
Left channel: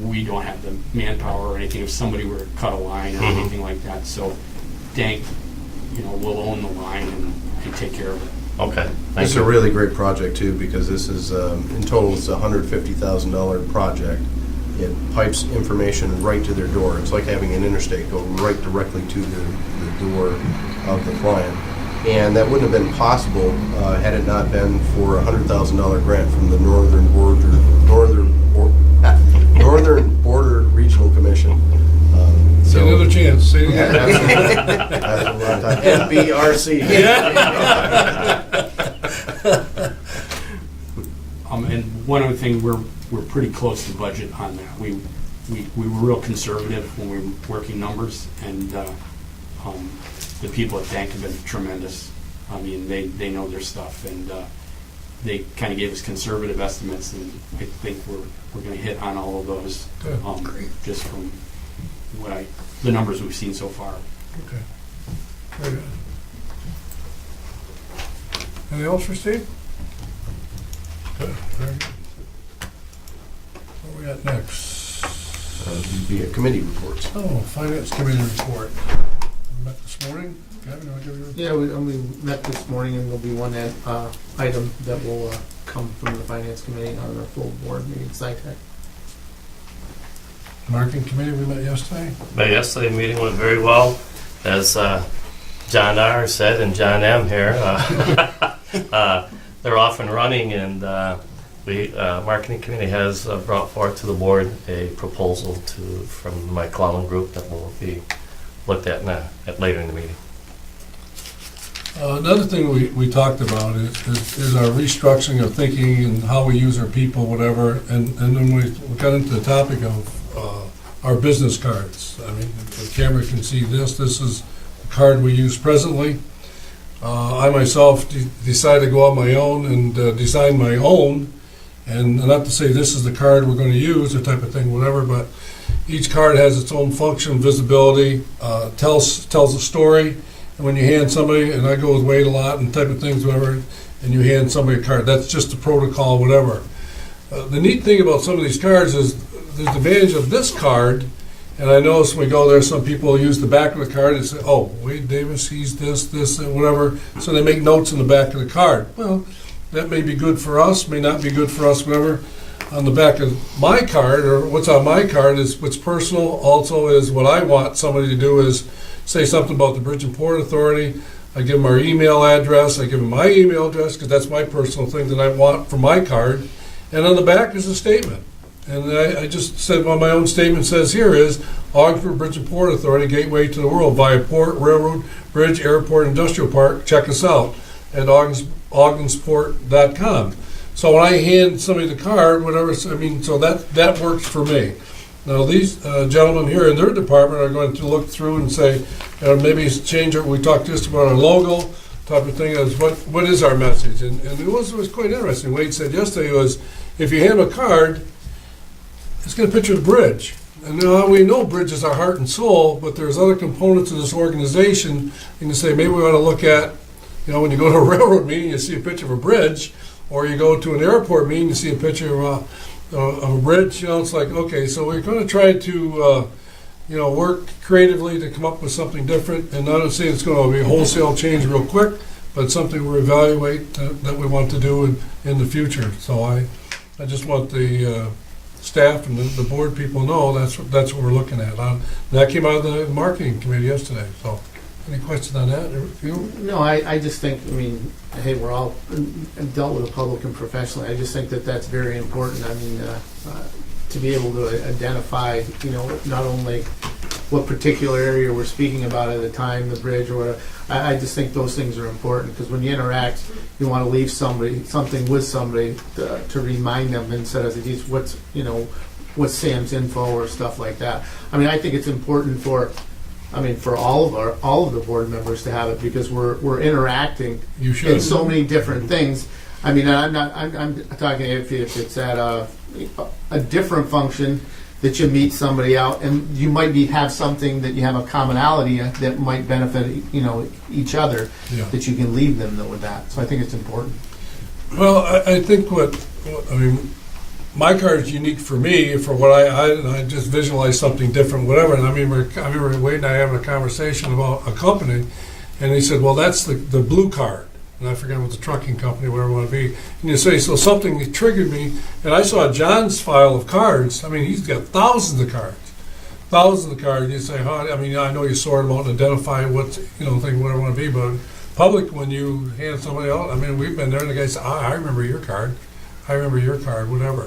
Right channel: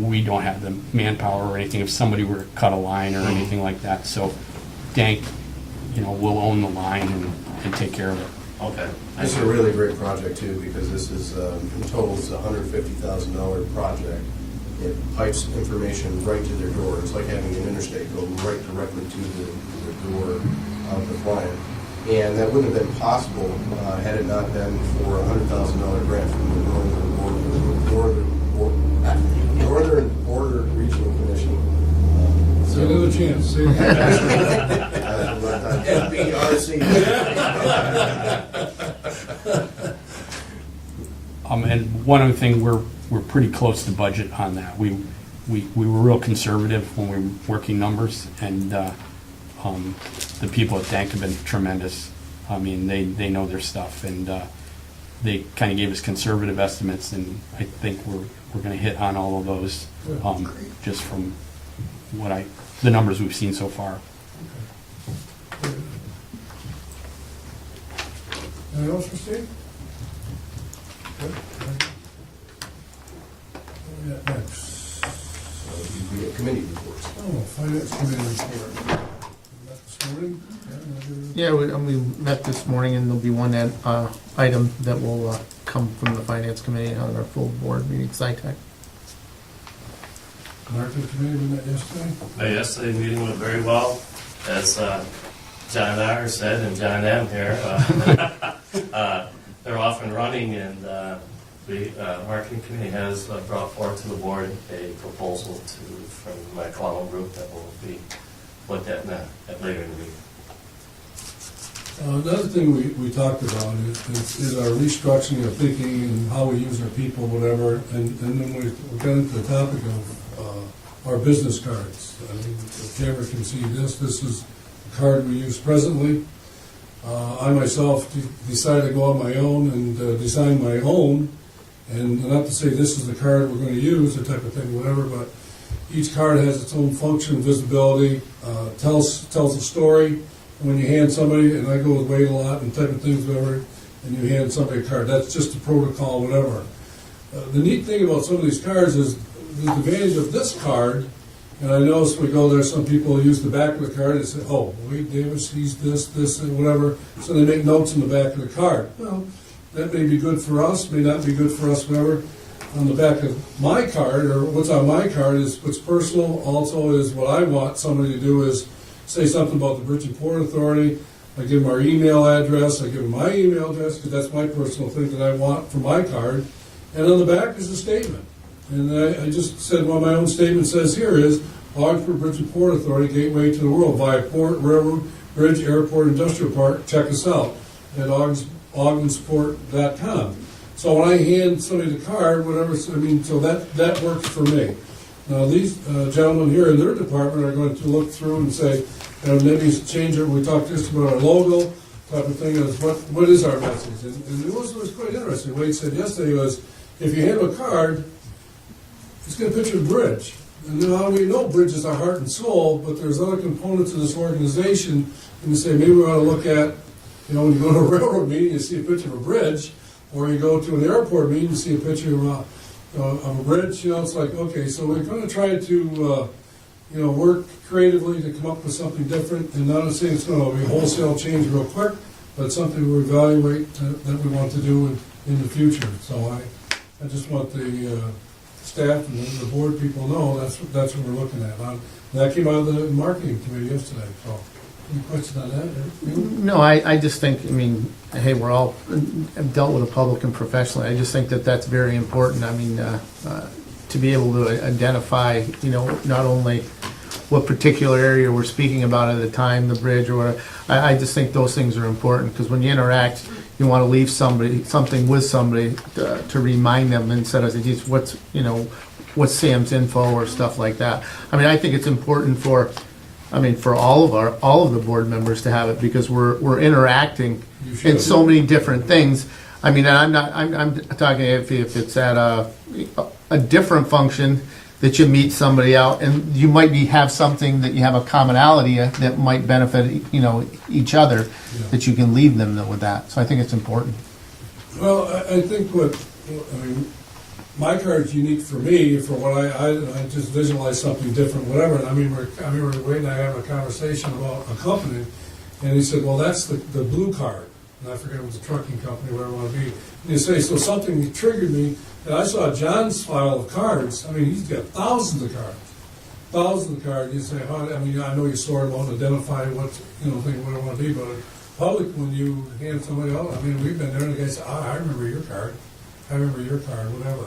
we don't have the manpower or anything if somebody were to cut a line or Mhm. anything like that. So Dank, will own the line and take care of it. Okay. This is a really great project too, because this is, in total, it's a $150,000 project. It pipes information right to their door. It's like having an interstate go right directly to the door of the client. And that wouldn't have been possible had it not been for a $100,000 grant from the Northern Border Regional Commission. Say another chance, say it again. That's what we're on time. NBRC. And one other thing, we're pretty close to budget on that. We were real conservative when we were working numbers, and the people at Dank have been tremendous. I mean, they know their stuff, and they kind of gave us conservative estimates, and I think we're going to hit on all of those, just from the numbers we've seen so far. Okay. Very good. Anything else for Steve? Good, very good. What we got next? The committee reports. Oh, Finance Committee report. Met this morning. Kevin, wanna give your- Yeah, we met this morning, and there'll be one item that will come from the Finance Committee on our full board meeting, SciTech. Marketing Committee, we met yesterday. But yesterday, meeting went very well, as John R. said, and John M. here. They're off and running, and Marketing Committee has brought forth to the board a proposal from my Clallam group that will be looked at later in the meeting. Another thing we talked about is our restructuring of thinking and how we use our people, whatever, and then we got into the topic of our business cards. I mean, the camera can see this is the card we use presently. I myself decided to go on my own and design my own, and not to say this is the card we're going to use, or type of thing, whatever, but each card has its own function, visibility, tells a story. And when you hand somebody, and I go with Wade a lot and type of things, whatever, and you hand somebody a card, that's just the protocol, whatever. The neat thing about some of these cards is the advantage of this card, and I notice when we go there, some people use the back of the card and say, oh, Wade Davis, he's this, and whatever, so they make notes in the back of the card. Well, that may be good for us, may not be good for us, whatever. On the back of my card, or what's on my card, is what's personal, also is what I want somebody to do is say something about the Bridge and Port Authority. I give them our email address, I give them my email address, because that's my personal thing that I want for my card. And on the back is a statement. And I just said what my own statement says here is, Ogdensburg Bridge and Port Authority, gateway to the world, via port, railroad, bridge, airport, industrial park. Check us out at ogdensport.com. So when I hand somebody the card, whatever, I mean, so that works for me. Now, these gentlemen here in their department are going to look through and say, maybe change it. We talked just about our logo type of thing. Is what is our message? And it was quite interesting. Wade said yesterday was, if you have a card, it's going to picture the bridge. And we know bridge is our heart and soul, but there's other components of this organization. And you say, maybe we want to look at, when you go to a railroad meeting, you see a picture of a bridge, or you go to an airport meeting, you see a picture of a bridge. It's like, okay, so we're going to try to, work creatively to come up with something different. And not saying it's going to be a wholesale change real quick, but something we evaluate that we want to do in the future. So I just want the staff and the board people know that's what we're looking at. That came out of the marketing committee yesterday. So, any questions on that? No, I just think, hey, we're all dealt with the public and professionally. I just think that that's very important. To be able to identify, not only what particular area we're speaking about at the time, the bridge or whatever. I just think those things are important, because when you interact, you want to leave something with somebody to remind them, instead of just what's Sam's info or stuff like that. I think it's important for all of the board members to have it, because we're interacting in so many different things. I'm talking if it's at a different function, that you meet somebody out, and you might have something that you have a commonality that might benefit, each other, Yeah. that you can leave them with that. So I think it's important. Well, I think my card is unique for me, for what I just visualize something different, whatever. And I remember Wade and I having a conversation about a company, and he said, well, that's the blue card. And I forget what the trucking company, whatever it want to be. And you say, so something triggered me, and I saw John's file of cards. I mean, he's got thousands of cards. Thousands of cards. You say, I know you sort them out and identify what, thing, whatever it want to be, but public, when you hand somebody out, we've been there, and the guy said, I remember your card. I remember your card, whatever.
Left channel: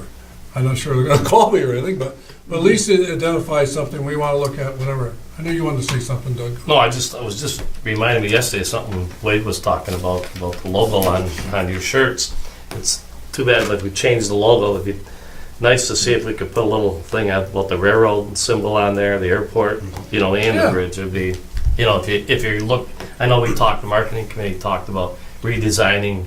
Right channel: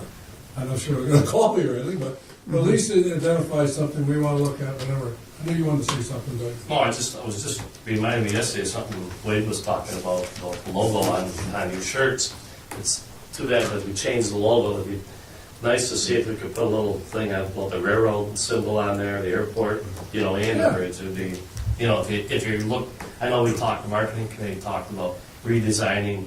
I'm not sure they're going to call me or anything, but at least it identifies something we want to look at, whatever. I knew you wanted to say something, Doug. No, I was just reminded me yesterday of something Wade was talking about the logo on your shirts. It's too bad that we changed the logo. It'd be nice to see if we could put a little thing out about the railroad symbol on there, the airport, and the bridge. It'd be, if you look, I know the marketing committee talked about redesigning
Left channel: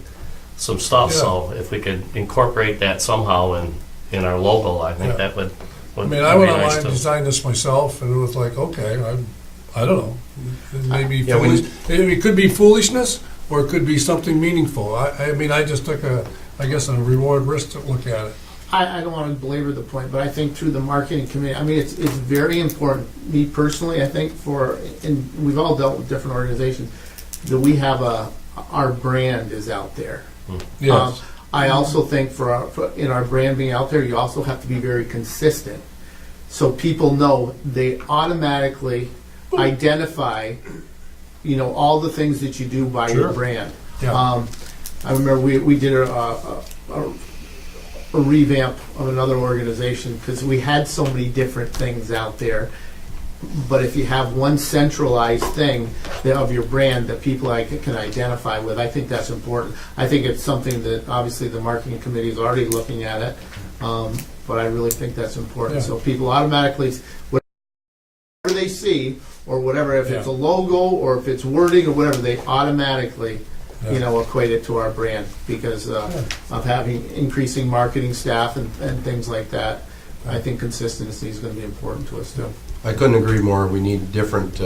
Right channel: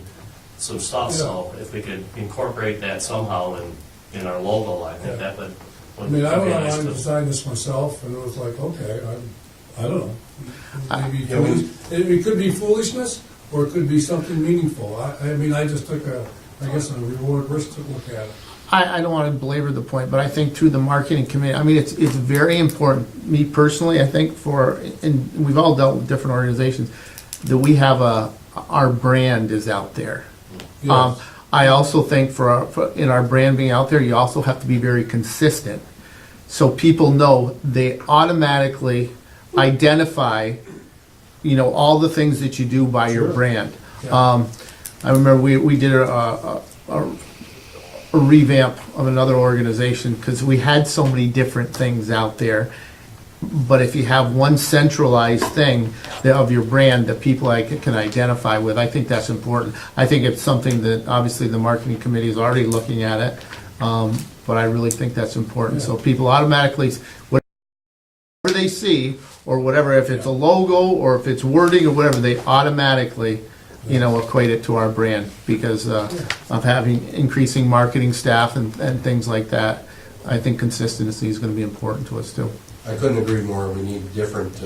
some stuff, Yeah. so if we could incorporate that somehow in our logo, I think Yeah. that would I be went nice online and to. designed this myself, and it was like, okay, I don't know. Maybe Yeah, we- it could be foolishness, or it could be something meaningful. I just took a reward risk to look at it. I don't want to belabor the point, but I think to the marketing committee, it's very important. Me personally, I think and we've all dealt with different organizations, that we have our brand is out there. Yes. I also think in our brand being out there, you also have to be very consistent, so people know they automatically identify, all the things that you do by your Sure. brand. Yeah. I remember we did a revamp of another organization because we had so many different things out there. But if you have one centralized thing of your brand that people can identify with, I think that's important. I think it's something that obviously the marketing committee is already looking at it, but I really think that's important. Yeah. So people automatically, whatever they see or whatever, if it's a logo or if it's wording or whatever, they automatically equate it to our brand because of having increasing marketing staff and things like that. I think consistency is going to be important to us too. I couldn't agree more. We need different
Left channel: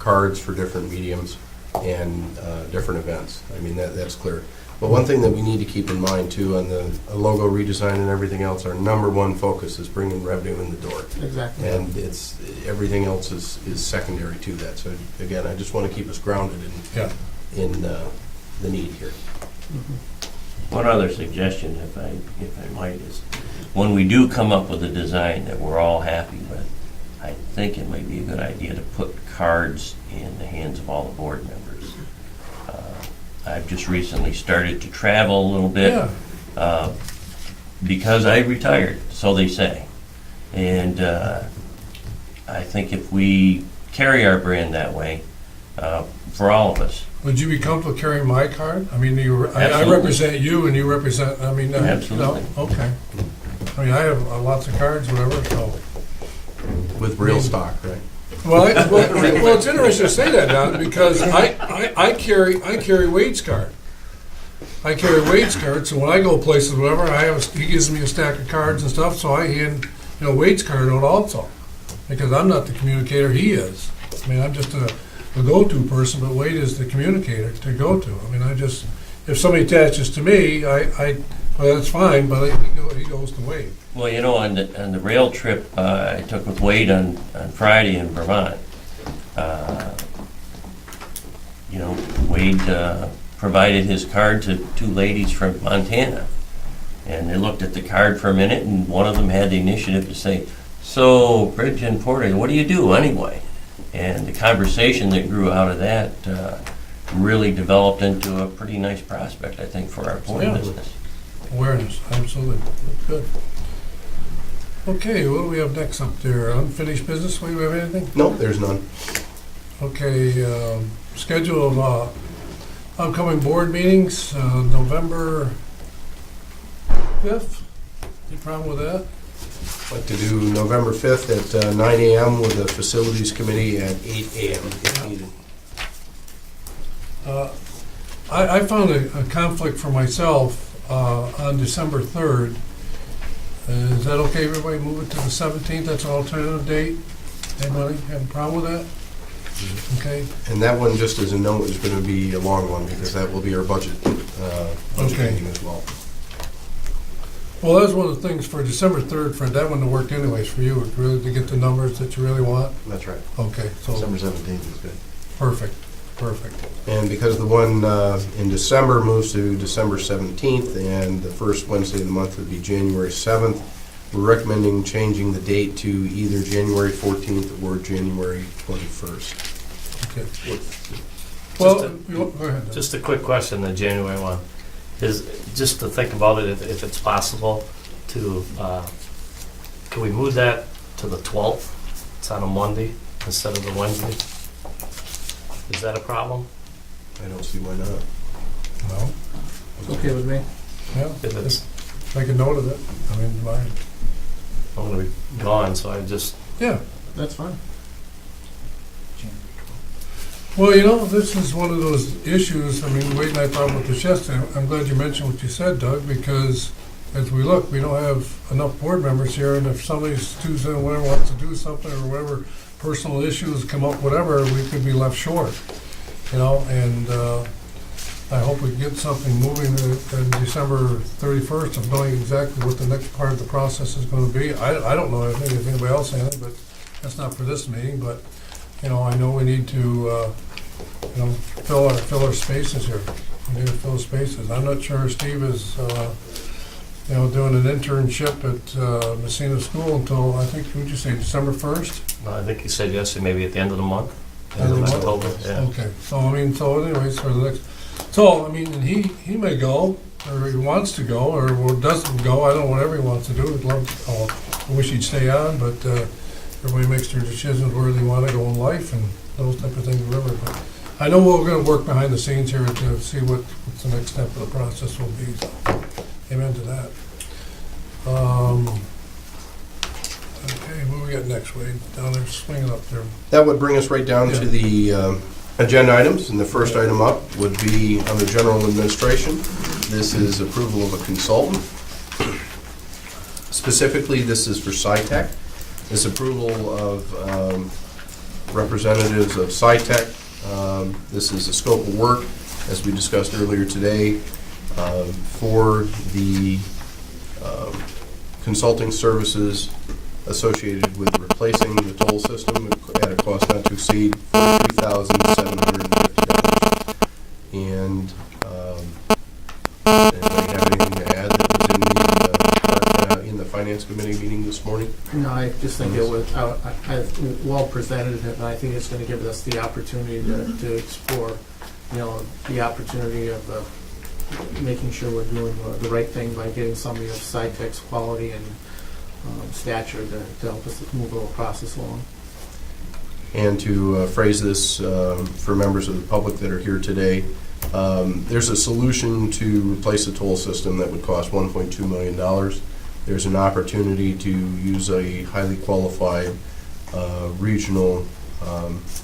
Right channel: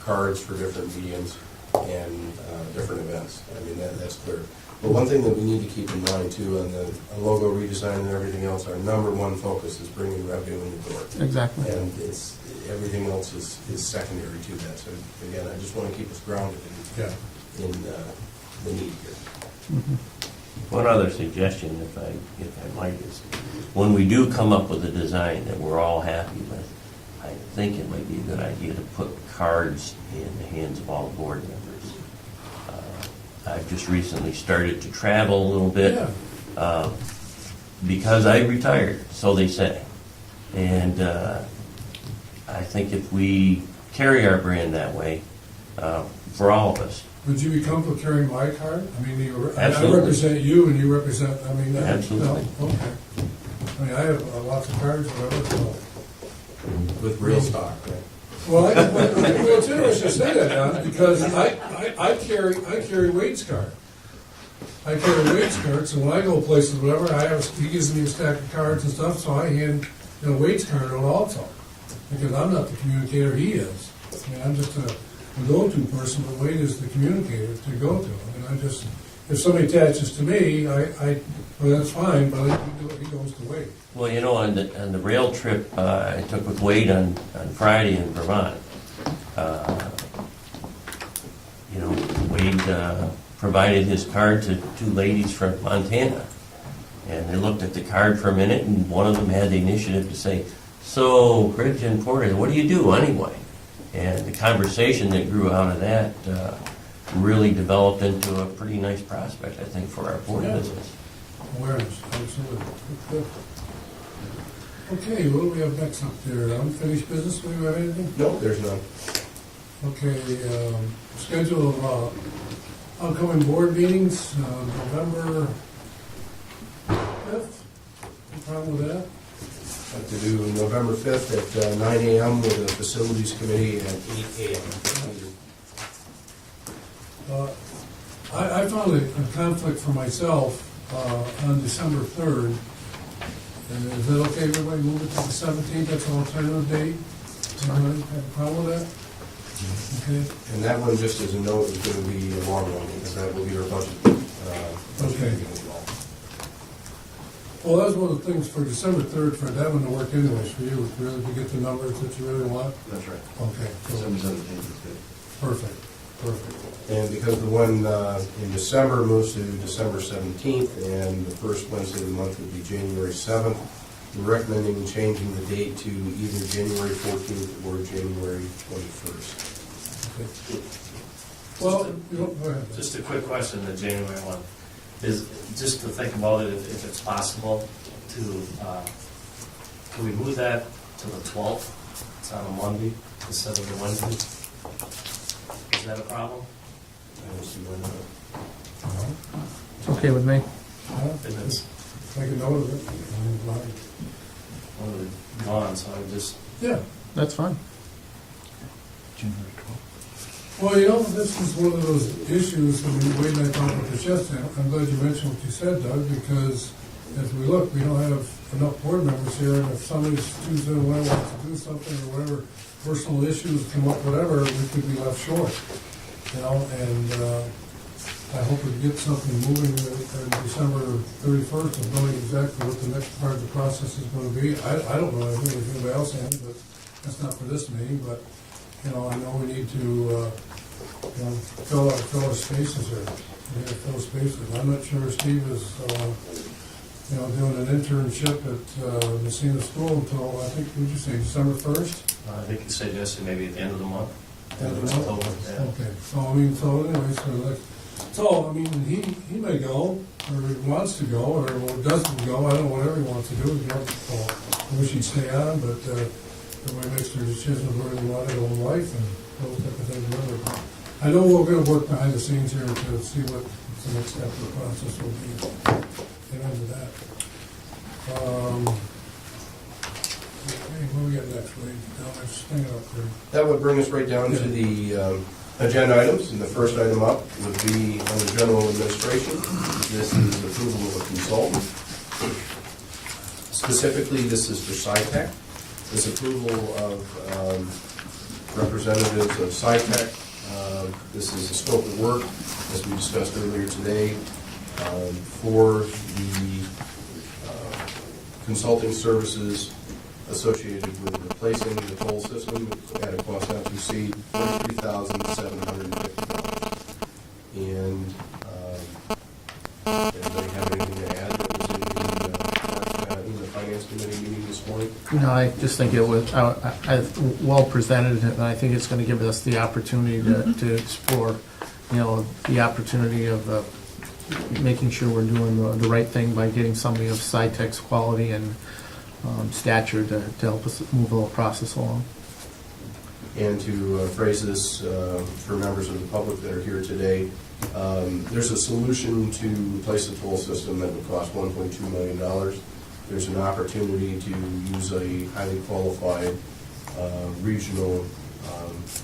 cards for different mediums and different events. That's clear. But one thing that we need to keep in mind too on the logo redesign and everything else, our number one focus is bringing revenue in the door. Exactly. And everything else is secondary to that. So again, I just want to keep us grounded in the need here. One other suggestion, if I might, is when we do come up with a design that we're all happy with, I think it might be a good idea to put cards in the hands of all the board members. I've just recently started to travel a little bit because I retired, so they say. And I think if we carry our brand that way, for all of us. Would you be comfortable carrying my card? I Absolutely. represent you, and you represent. Absolutely. No? Okay. I have lots of cards, whatever. So. With real stock, right? Well, it's interesting to say that now because I carry Wade's card. I carry Wade's card, so when I go places, whatever, he gives me a stack of cards and stuff, so I hand Wade's card out also because I'm not the communicator, he is. I'm just a go-to person, but Wade is the communicator to go to. If somebody attaches to me, well, that's fine, but he goes to Wade. Well, on the rail trip I took with Wade on Friday in Vermont, Wade provided his card to two ladies from Montana. And they looked at the card for a minute, and one of them had the initiative to say, "So, Bridge and Porter, what do you do anyway?" And the conversation that grew out of that really developed into a pretty nice prospect, I think, for our point business. Awareness, absolutely. Good. Okay, what do we have next up there? Unfinished business, do we have anything? Nope, there's none. Okay, schedule of upcoming board meetings, November 5th. Any problem with that? I'd like to do November 5th at 9 a.m. with the Facilities Committee at 8 a.m. if needed. I found a conflict for myself on December 3rd. Is that okay, everybody, move it to the 17th, that's an alternative date? Anybody have a problem with that? Okay, And that one, just as a note, is going to be a long one, because that will be our budget Okay. meeting as well. well, that's one of the things for December 3rd, Fred, that one to work anyways for you, really to get the numbers that you really want? That's right. Okay, so, December 17th is good. perfect, perfect. And because the one in December moves to December 17th, and the first Wednesday of the month would be January 7th, we're recommending changing the date to either January 14th or January 21st. Okay. Well, Just go ahead. Just a quick question, the January one, is, just to think about it, if it's possible, to, can we move that to the 12th? It's on a Monday instead of the Wednesday. Is that a problem? I don't see why not. Well, It's okay with me. yeah, If it's, make a note of it, I mean, I'm gonna be gone, so I just, yeah. That's fine. Well, you know, this is one of those issues, I mean, Wade and I talked about this yesterday, I'm glad you mentioned what you said, Doug, because as we look, we don't have enough board members here, and if somebody's student, whatever, wants to do something, or whatever, personal issues come up, whatever, we could be left short, you know, and, I hope we get something moving in December 31st of knowing exactly what the next part of the process is gonna be. I don't know anything, if anybody else has, but that's not for this meeting, but, you know, I know we need to, you know, fill our spaces here. We need to fill spaces. I'm not sure Steve is, you know, doing an internship at Messina School until, I think, would you say, December 1st? I think you said yesterday, maybe at the end of the month. End of the month? October, yeah. Okay, so, I mean, so anyways, for the next, so, I mean, he may go, or he wants to go, or doesn't go, I don't know, whatever he wants to do, I'd love to, I wish he'd stay on, but, everybody makes their decisions where they wanna go in life and those type of things, whatever, but I know we're gonna work behind the scenes here to see what's the next step of the process will be, so, amen to that. Okay, what we got next, Wade? Down there, swinging up there. That would bring us right down to Yeah. the agenda items, and the first item up would be under general administration. This is approval of a consultant. Specifically, this is for SciTech. This approval of representatives of SciTech. This is a scope of work, as we discussed earlier today, for the consulting services associated with replacing the toll system at a cost not to exceed $43,750. And anybody have anything to add that was in the Finance Committee meeting this morning? No, I just think it was well presented, and I think it's going to give us the opportunity to explore, you know, the opportunity of making sure we're doing the right thing by getting somebody of SciTech's quality and stature to help us move the process along. And to phrase this for members of the public that are here today, there's a solution to replace the toll system that would cost $1.2 million. There's an opportunity to use a highly qualified regional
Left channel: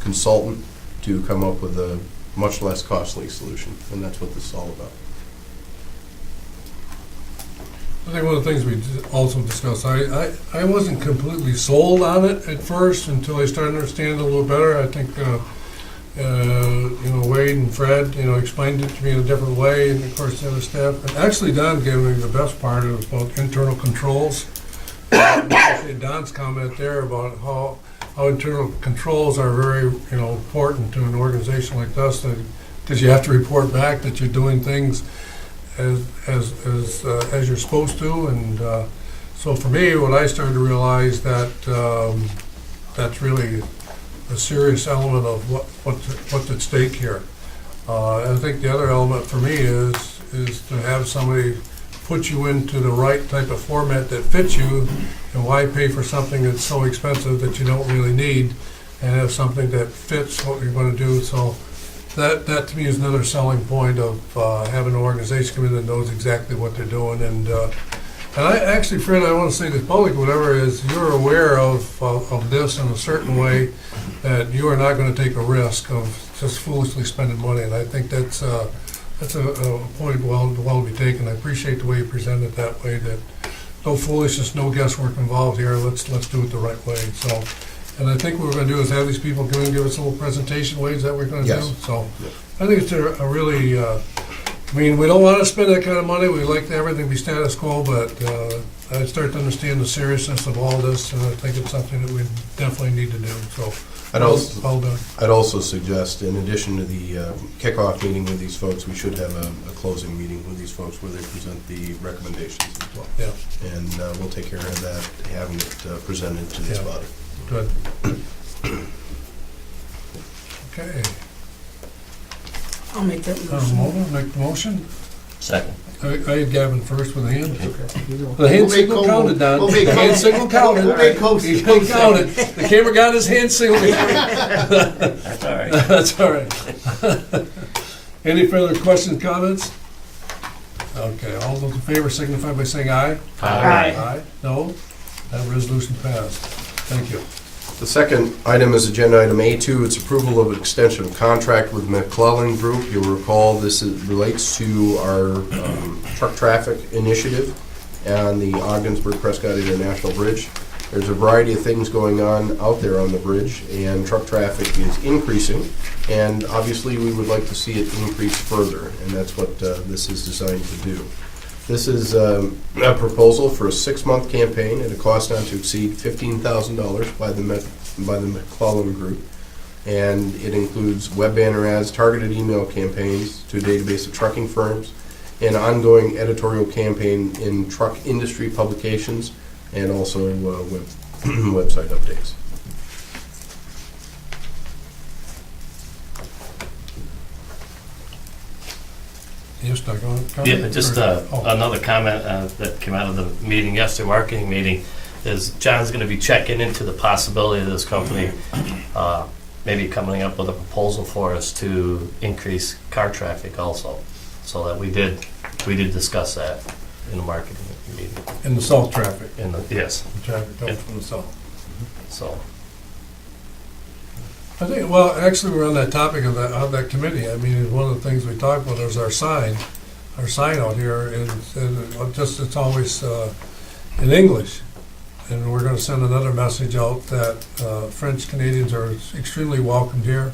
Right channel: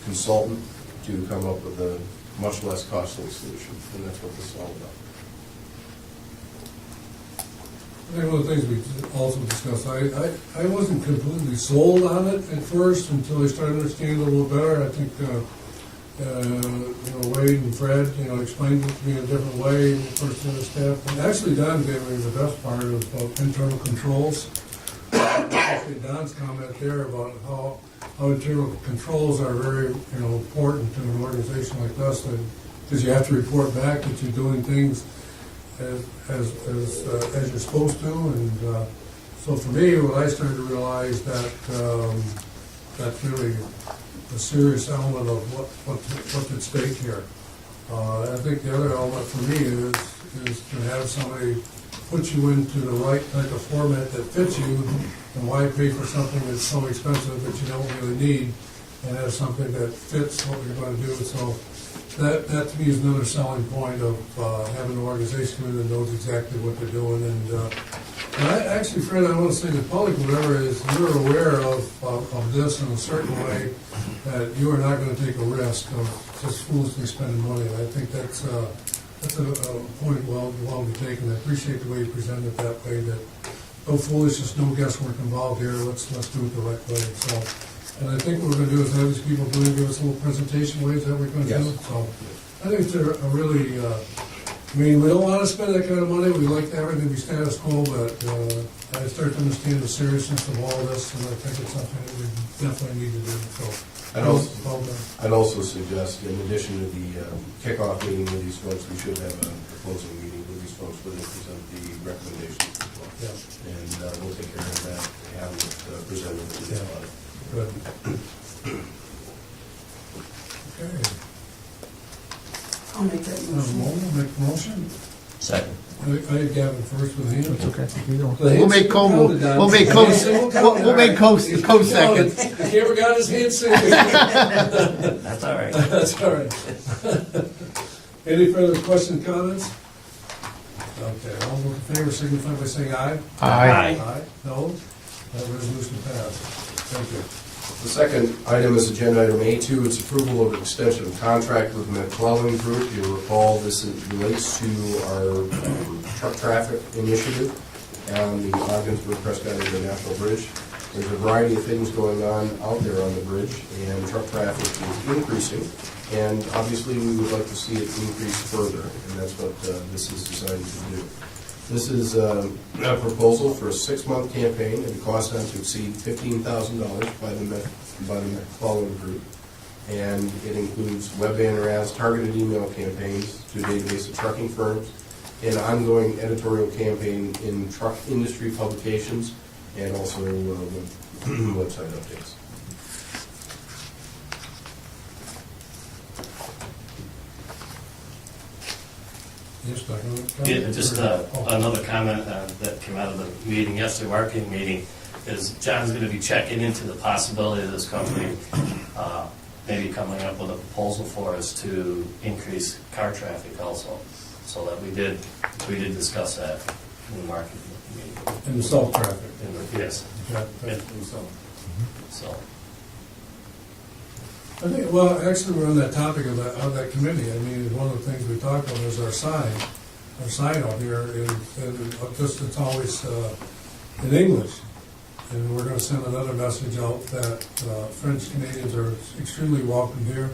consultant to come up with a much less costly solution, and that's what this is all about. I think one of the things we also discussed, I wasn't completely sold on it at first until I started to understand it a little better. I think, you know, Wade and Fred, you know, explained it to me in a different way, and of course the other staff. And actually Don gave me the best part about internal controls. Especially Don's comment there about how internal controls are very, you know, important to an organization like us, because you have to report back that you're doing things as you're supposed to, and so for me, what I started to realize that that's really a serious element of what's at stake here. I think the other element for me is to have somebody put you into the right type of format that fits you, and why pay for something that's so expensive that you don't really need, and have something that fits what you're going to do. So that to me is another selling point of having an organization come in that knows exactly what they're doing. And I actually, Fred, I want to say to the public, whatever is, you're aware of this in a certain way, that you are not going to take a risk of just foolishly spending money. And I think that's a point well to be taken. I appreciate the way you presented it that way. That, no foolishness, no guesswork involved here, let's do it the right way, so. And I think what we're gonna do is have these people go and give us a little presentation ways that we're gonna do, Yes. so. I think it's a really, I mean, we don't wanna spend that kind of money, we like everything to be status quo, but, I start to understand the seriousness of all this, and I think it's something that we definitely need to do, so. I'd also, Well done. I'd also suggest, in addition to the kickoff meeting with these folks, we should have a closing meeting with these folks where they present the recommendations as well. Yeah, And we'll take care of that, having it presented to this Yeah. body. good. Okay, I'll make that motion. make the motion. Second. I had Gavin first with a hand. Okay. The We'll hand make signal co- counted, Don. we'll make The co- hand signal counted. we'll make co- He co- counted. The camera got his hand signal. That's all right. That's all right. Any further questions, comments? Okay, all those in favor signify by saying aye. Aye. Aye, no? That resolution passed. Thank you. The second item is agenda item A2. It's approval of extension of contract with McClellan Group. You'll recall relates to our truck traffic initiative and the Ogdensburg Prescott International Bridge. There's a variety of things going on out there on the bridge, and truck traffic is increasing. And obviously, we would like to see it increase further, and that's what this is designed to do. This is a proposal for a 6-month campaign at a cost not to exceed $15,000 by the McClellan Group. And it includes web banner ads, targeted email campaigns to a database of trucking firms, an ongoing editorial campaign in truck industry publications, and also website updates. You're stuck on it? Yeah, just Oh. another comment that came out of the meeting yesterday, marketing meeting, is John's gonna be checking into the possibility of this company maybe coming up with a proposal for us to increase car traffic also. So that we did discuss that in the marketing meeting. In the south traffic. Yes, Traffic coming from the south. so. I think, well, actually, we're on that topic of that committee. I mean, one of the things we talked about is our sign out here is, it's always in English. And we're gonna send another message out that French Canadians are extremely welcomed here.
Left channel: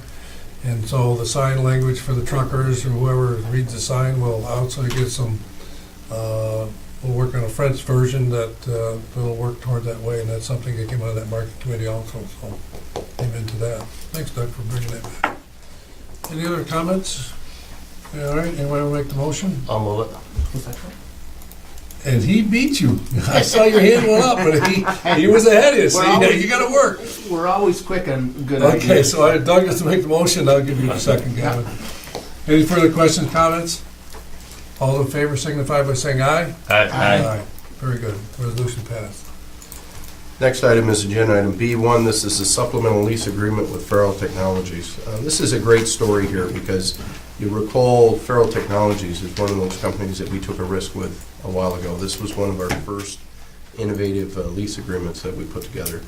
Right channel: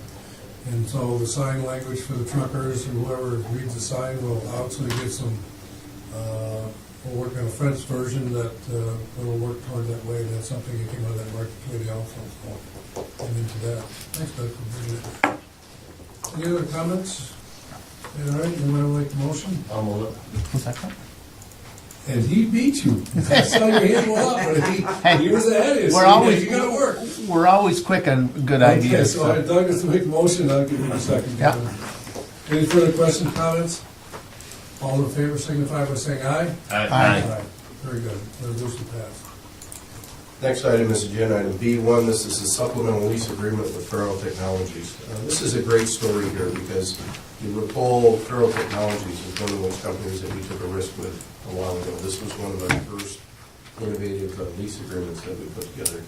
And so the sign language for the truckers or whoever reads the sign will also get some, we'll work on a French version that will work toward that way. And that's something that came out of that market committee also, so came into that. Thanks, Doug, for bringing that back. Any other comments? Yeah, all right, anyone want to make the motion? I'll move it. And he beat you. I saw your hand went up, but he was ahead of you, so We're always- you gotta work. We're always quick on good Okay, ideas. so I, Doug has to make the motion, I'll give you a second, Gavin. Any further questions, comments? All in favor signify by saying aye. Aye. Very good, resolution passed. Next item is agenda item B1. This is a supplemental lease agreement with Farrell Technologies. This is a great story here because you recall Farrell Technologies is one of those companies that we took a risk with a while ago. This was one of our first innovative lease agreements that we put together.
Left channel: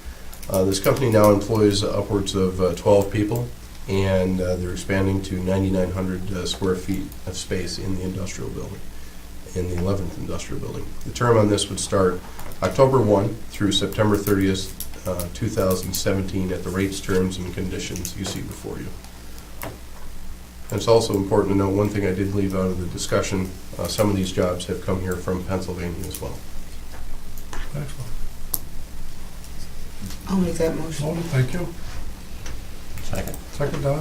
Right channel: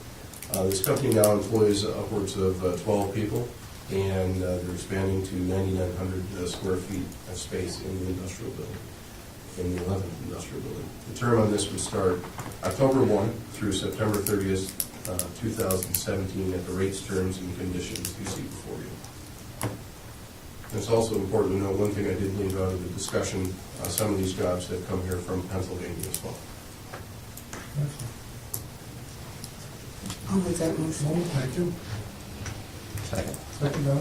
This company now employs upwards of 12 people, and they're expanding to 9,900 square feet of space in the industrial building, in the 11th industrial building. The term on this would start October 1 through September 30th, 2017 at the rates, terms, and conditions you see before you. And it's also important to note, one thing I did leave out of the discussion, some of these jobs have come here from Pennsylvania as well. Excellent. I'll make that motion. Motion, thank you. Second. Second, Don.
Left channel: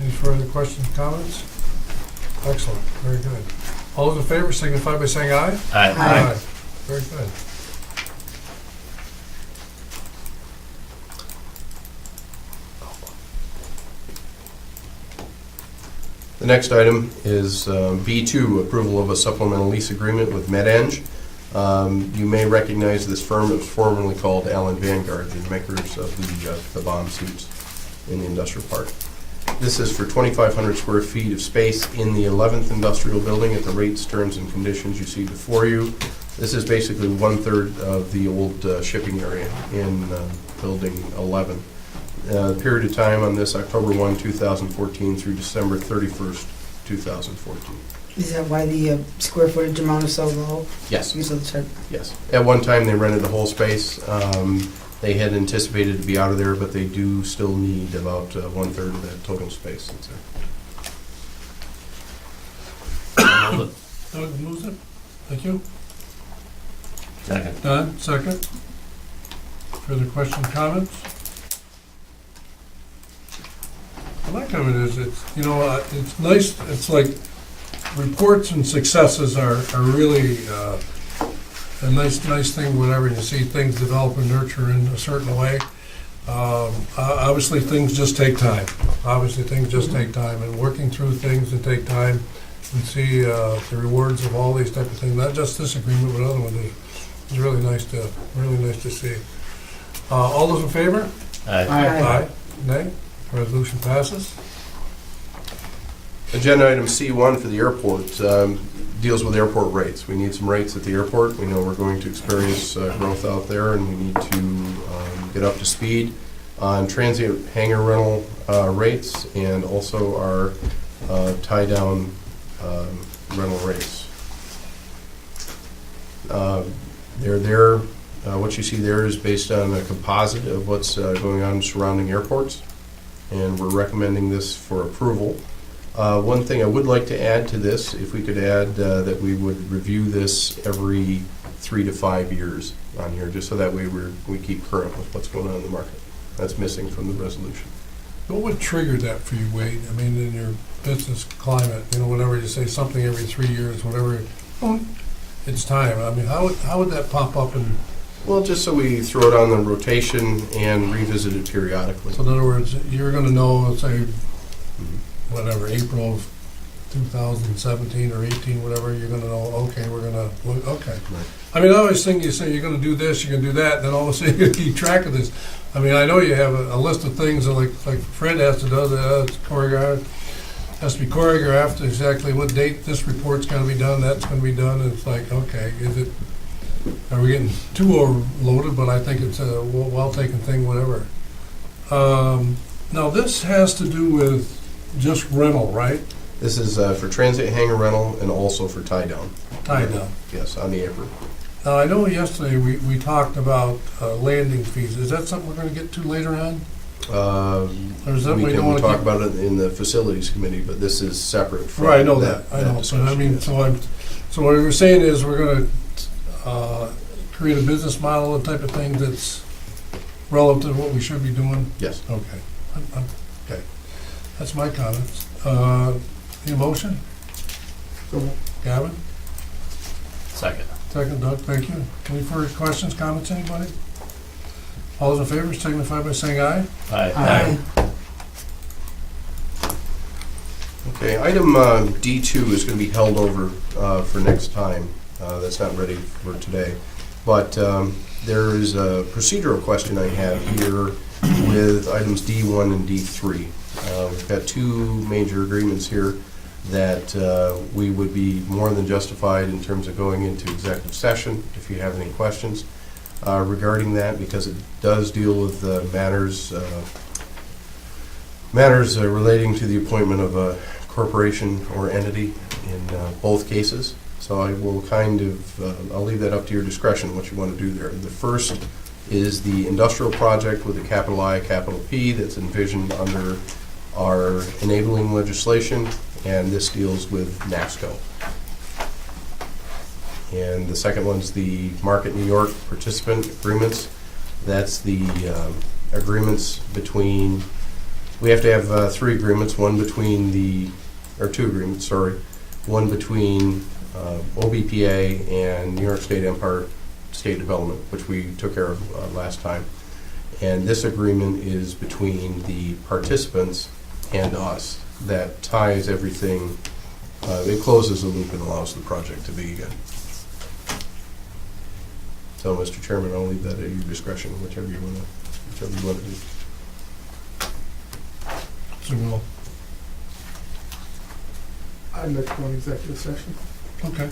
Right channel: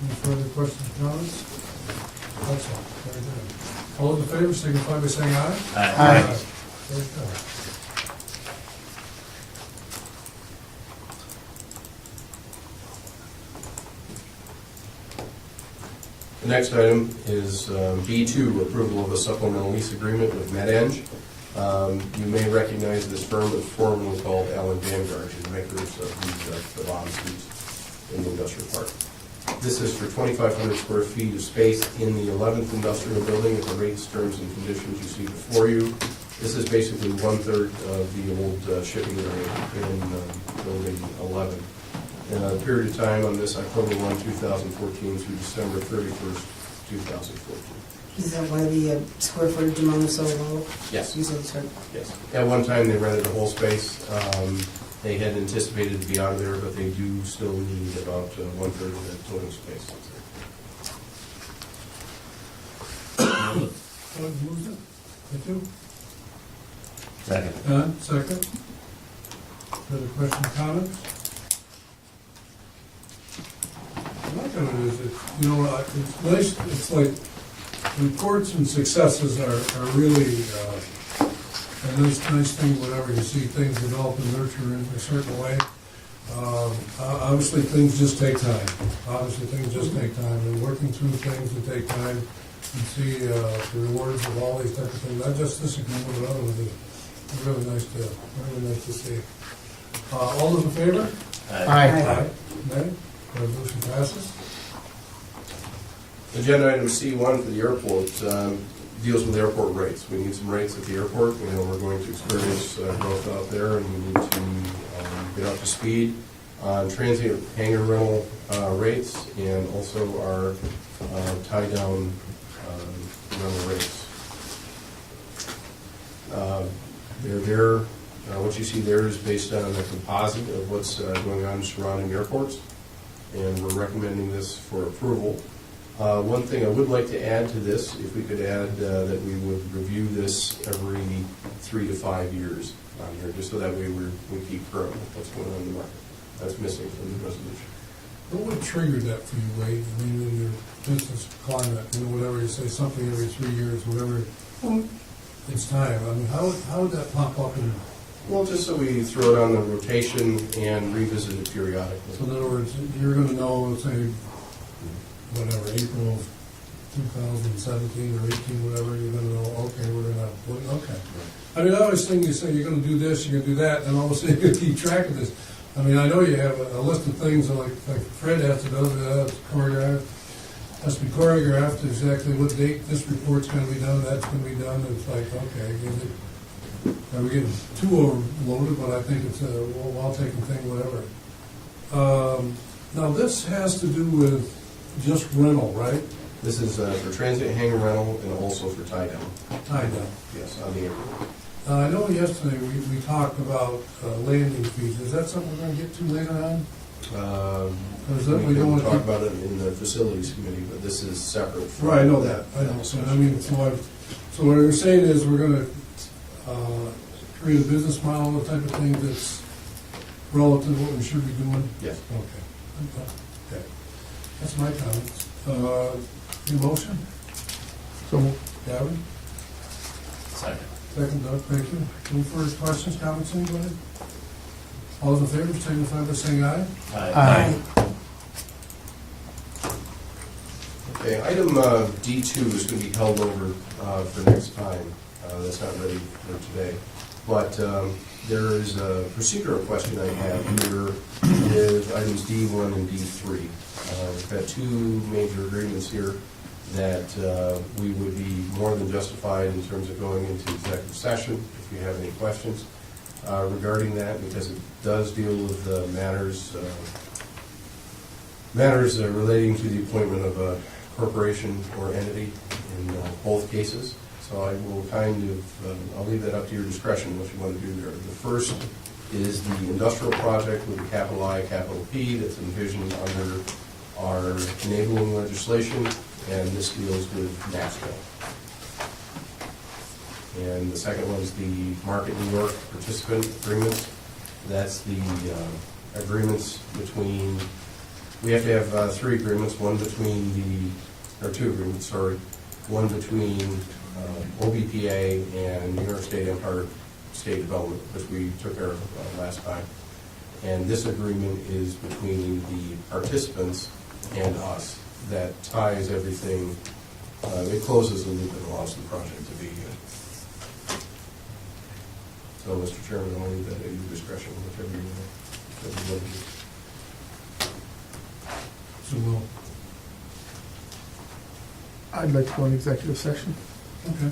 Any further questions, comments? Excellent, very good. All those in favor signify by saying aye. Aye. Very good. The next item is B2, approval of a supplemental lease agreement with MedEng. You may recognize this firm. It was formerly called Allen Vanguard, the makers of the bomb suits in the industrial park. This is for 2,500 square feet of space in the 11th industrial building at the rates, terms, and conditions you see before you. This is basically 1/3 of the old shipping area in building 11. The period of time on this, October 1, 2014 through December 31st, 2014. Is that why the square footage amount is so low? Yes. Because of the shed? Yes. At one time, they rented the whole space. They had anticipated to be out of there, but they do still need about 1/3 of that total space that's there. Move Doug moves it. Thank you. Second. Don, second. Further questions, comments? What I like of it is, it's, you know, it's nice, it's like, reports and successes are really a nice thing whenever you see things develop and nurture in a certain way. Obviously, things just take time. And working through things that take time, and see the rewards of all these type of things, not just this agreement, but other ones. It's really nice to see. All those in favor? Aye. Nay? Resolution passes. Agenda item C1 for the airport deals with airport rates. We need some rates at the airport. We know we're going to experience growth out there, and we need to get up to speed on transient hangar rental rates and also our tie-down rental rates. What you see there is based on a composite of what's going on in surrounding airports, and we're recommending this for approval. One thing I would like to add to this, if we could add that we would review this every 3 to 5 years on here, just so that way we keep current with what's going on in the market. That's missing from the resolution. What would trigger that for you, Wade? I mean, in your business climate, you know, whenever you say something every 3 years, whenever it's time, I mean, how would that pop up? And Well, just so we throw it on the rotation and revisit it periodically. so in other words, you're gonna know, let's say, whatever, April of 2017 or 18, whatever, you're gonna know, okay, okay. I mean, I always think you say you're gonna do this, you're gonna do that, and then all of a sudden you keep track of this. I mean, I know you have a list of things that like Fred has to do, it's choreographed, has to be choreographed, exactly what date this report's gonna be done, that's gonna be done, and it's like, okay, are we getting too overloaded? But I think it's a well-taken thing, whatever. Now, this has to do with just rental, right? This is for transient hangar rental and also for tie-down. Tie-down. Yes, on the apron. Now, I know yesterday we talked about landing fees. Is that something we're gonna get to later on? Or is that We we don't can wanna talk keep? about it in the facilities committee, but this is separate from Right, I know that, I know. But discussion. I mean, so what we're saying is we're gonna create a business model, a type of thing that's relative to what we should be doing? Yes. Okay. Okay. That's my comments. The motion? So, Gavin? Second. Second, Doug, thank you. Any further questions, comments, anybody? All those in favor signify by saying aye. Aye. Okay, item D2 is going to be held over for next time. That's not ready for today. But there is a procedural question I have here with items D1 and D3. We've got two major agreements here that we would be more than justified in terms of going into executive session if you have any questions regarding that, because it does deal with matters relating to the appointment of a corporation or entity in both cases. So I will I'll leave that up to your discretion, what you want to do there. The first is the industrial project with a capital I, capital P that's envisioned under our enabling legislation, and this deals with NASCO. And the second one is the Market New York participant agreements. That's the agreements between, we have to have three agreements, two agreements, one between OBPA and New York State Empire State Development, which we took care of last time. And this agreement is between the participants and us. That ties everything, it closes the loop and allows the project to begin. So, Mr. Chairman, I'll leave that at your discretion, whichever you want to do. So we'll, I'd like to go into executive session. okay.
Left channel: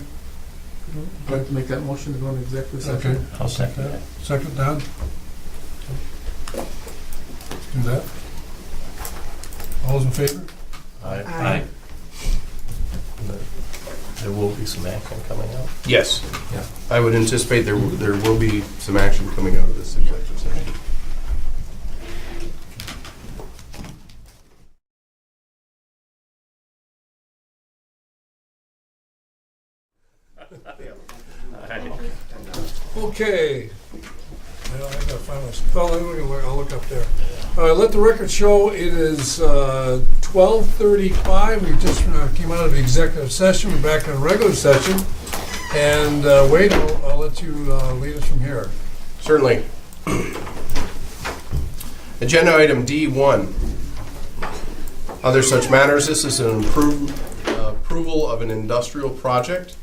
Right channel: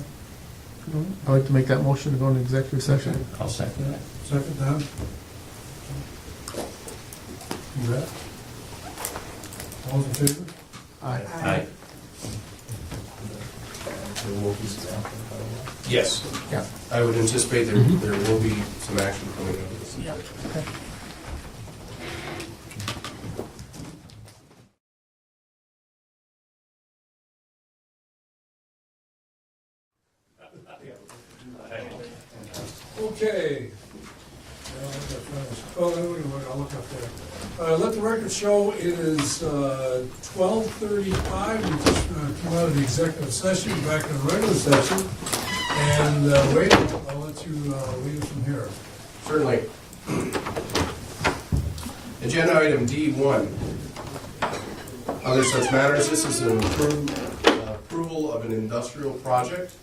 I'd like to make that motion to go into executive Okay. session. I'll second that. Second, Don? Do that. All those in favor? Aye. Aye. there will be some action coming up. Yes. Yeah. I would anticipate there will be some action coming out of this. Okay. Now I gotta find this. Oh, I'll look up there. Let the record show it is 12:35. We just came out of the executive session. We're back in regular session. And Wade, I'll let you lead us from here. Certainly. Agenda item D1. Other such matters. This is an approval of an industrial project.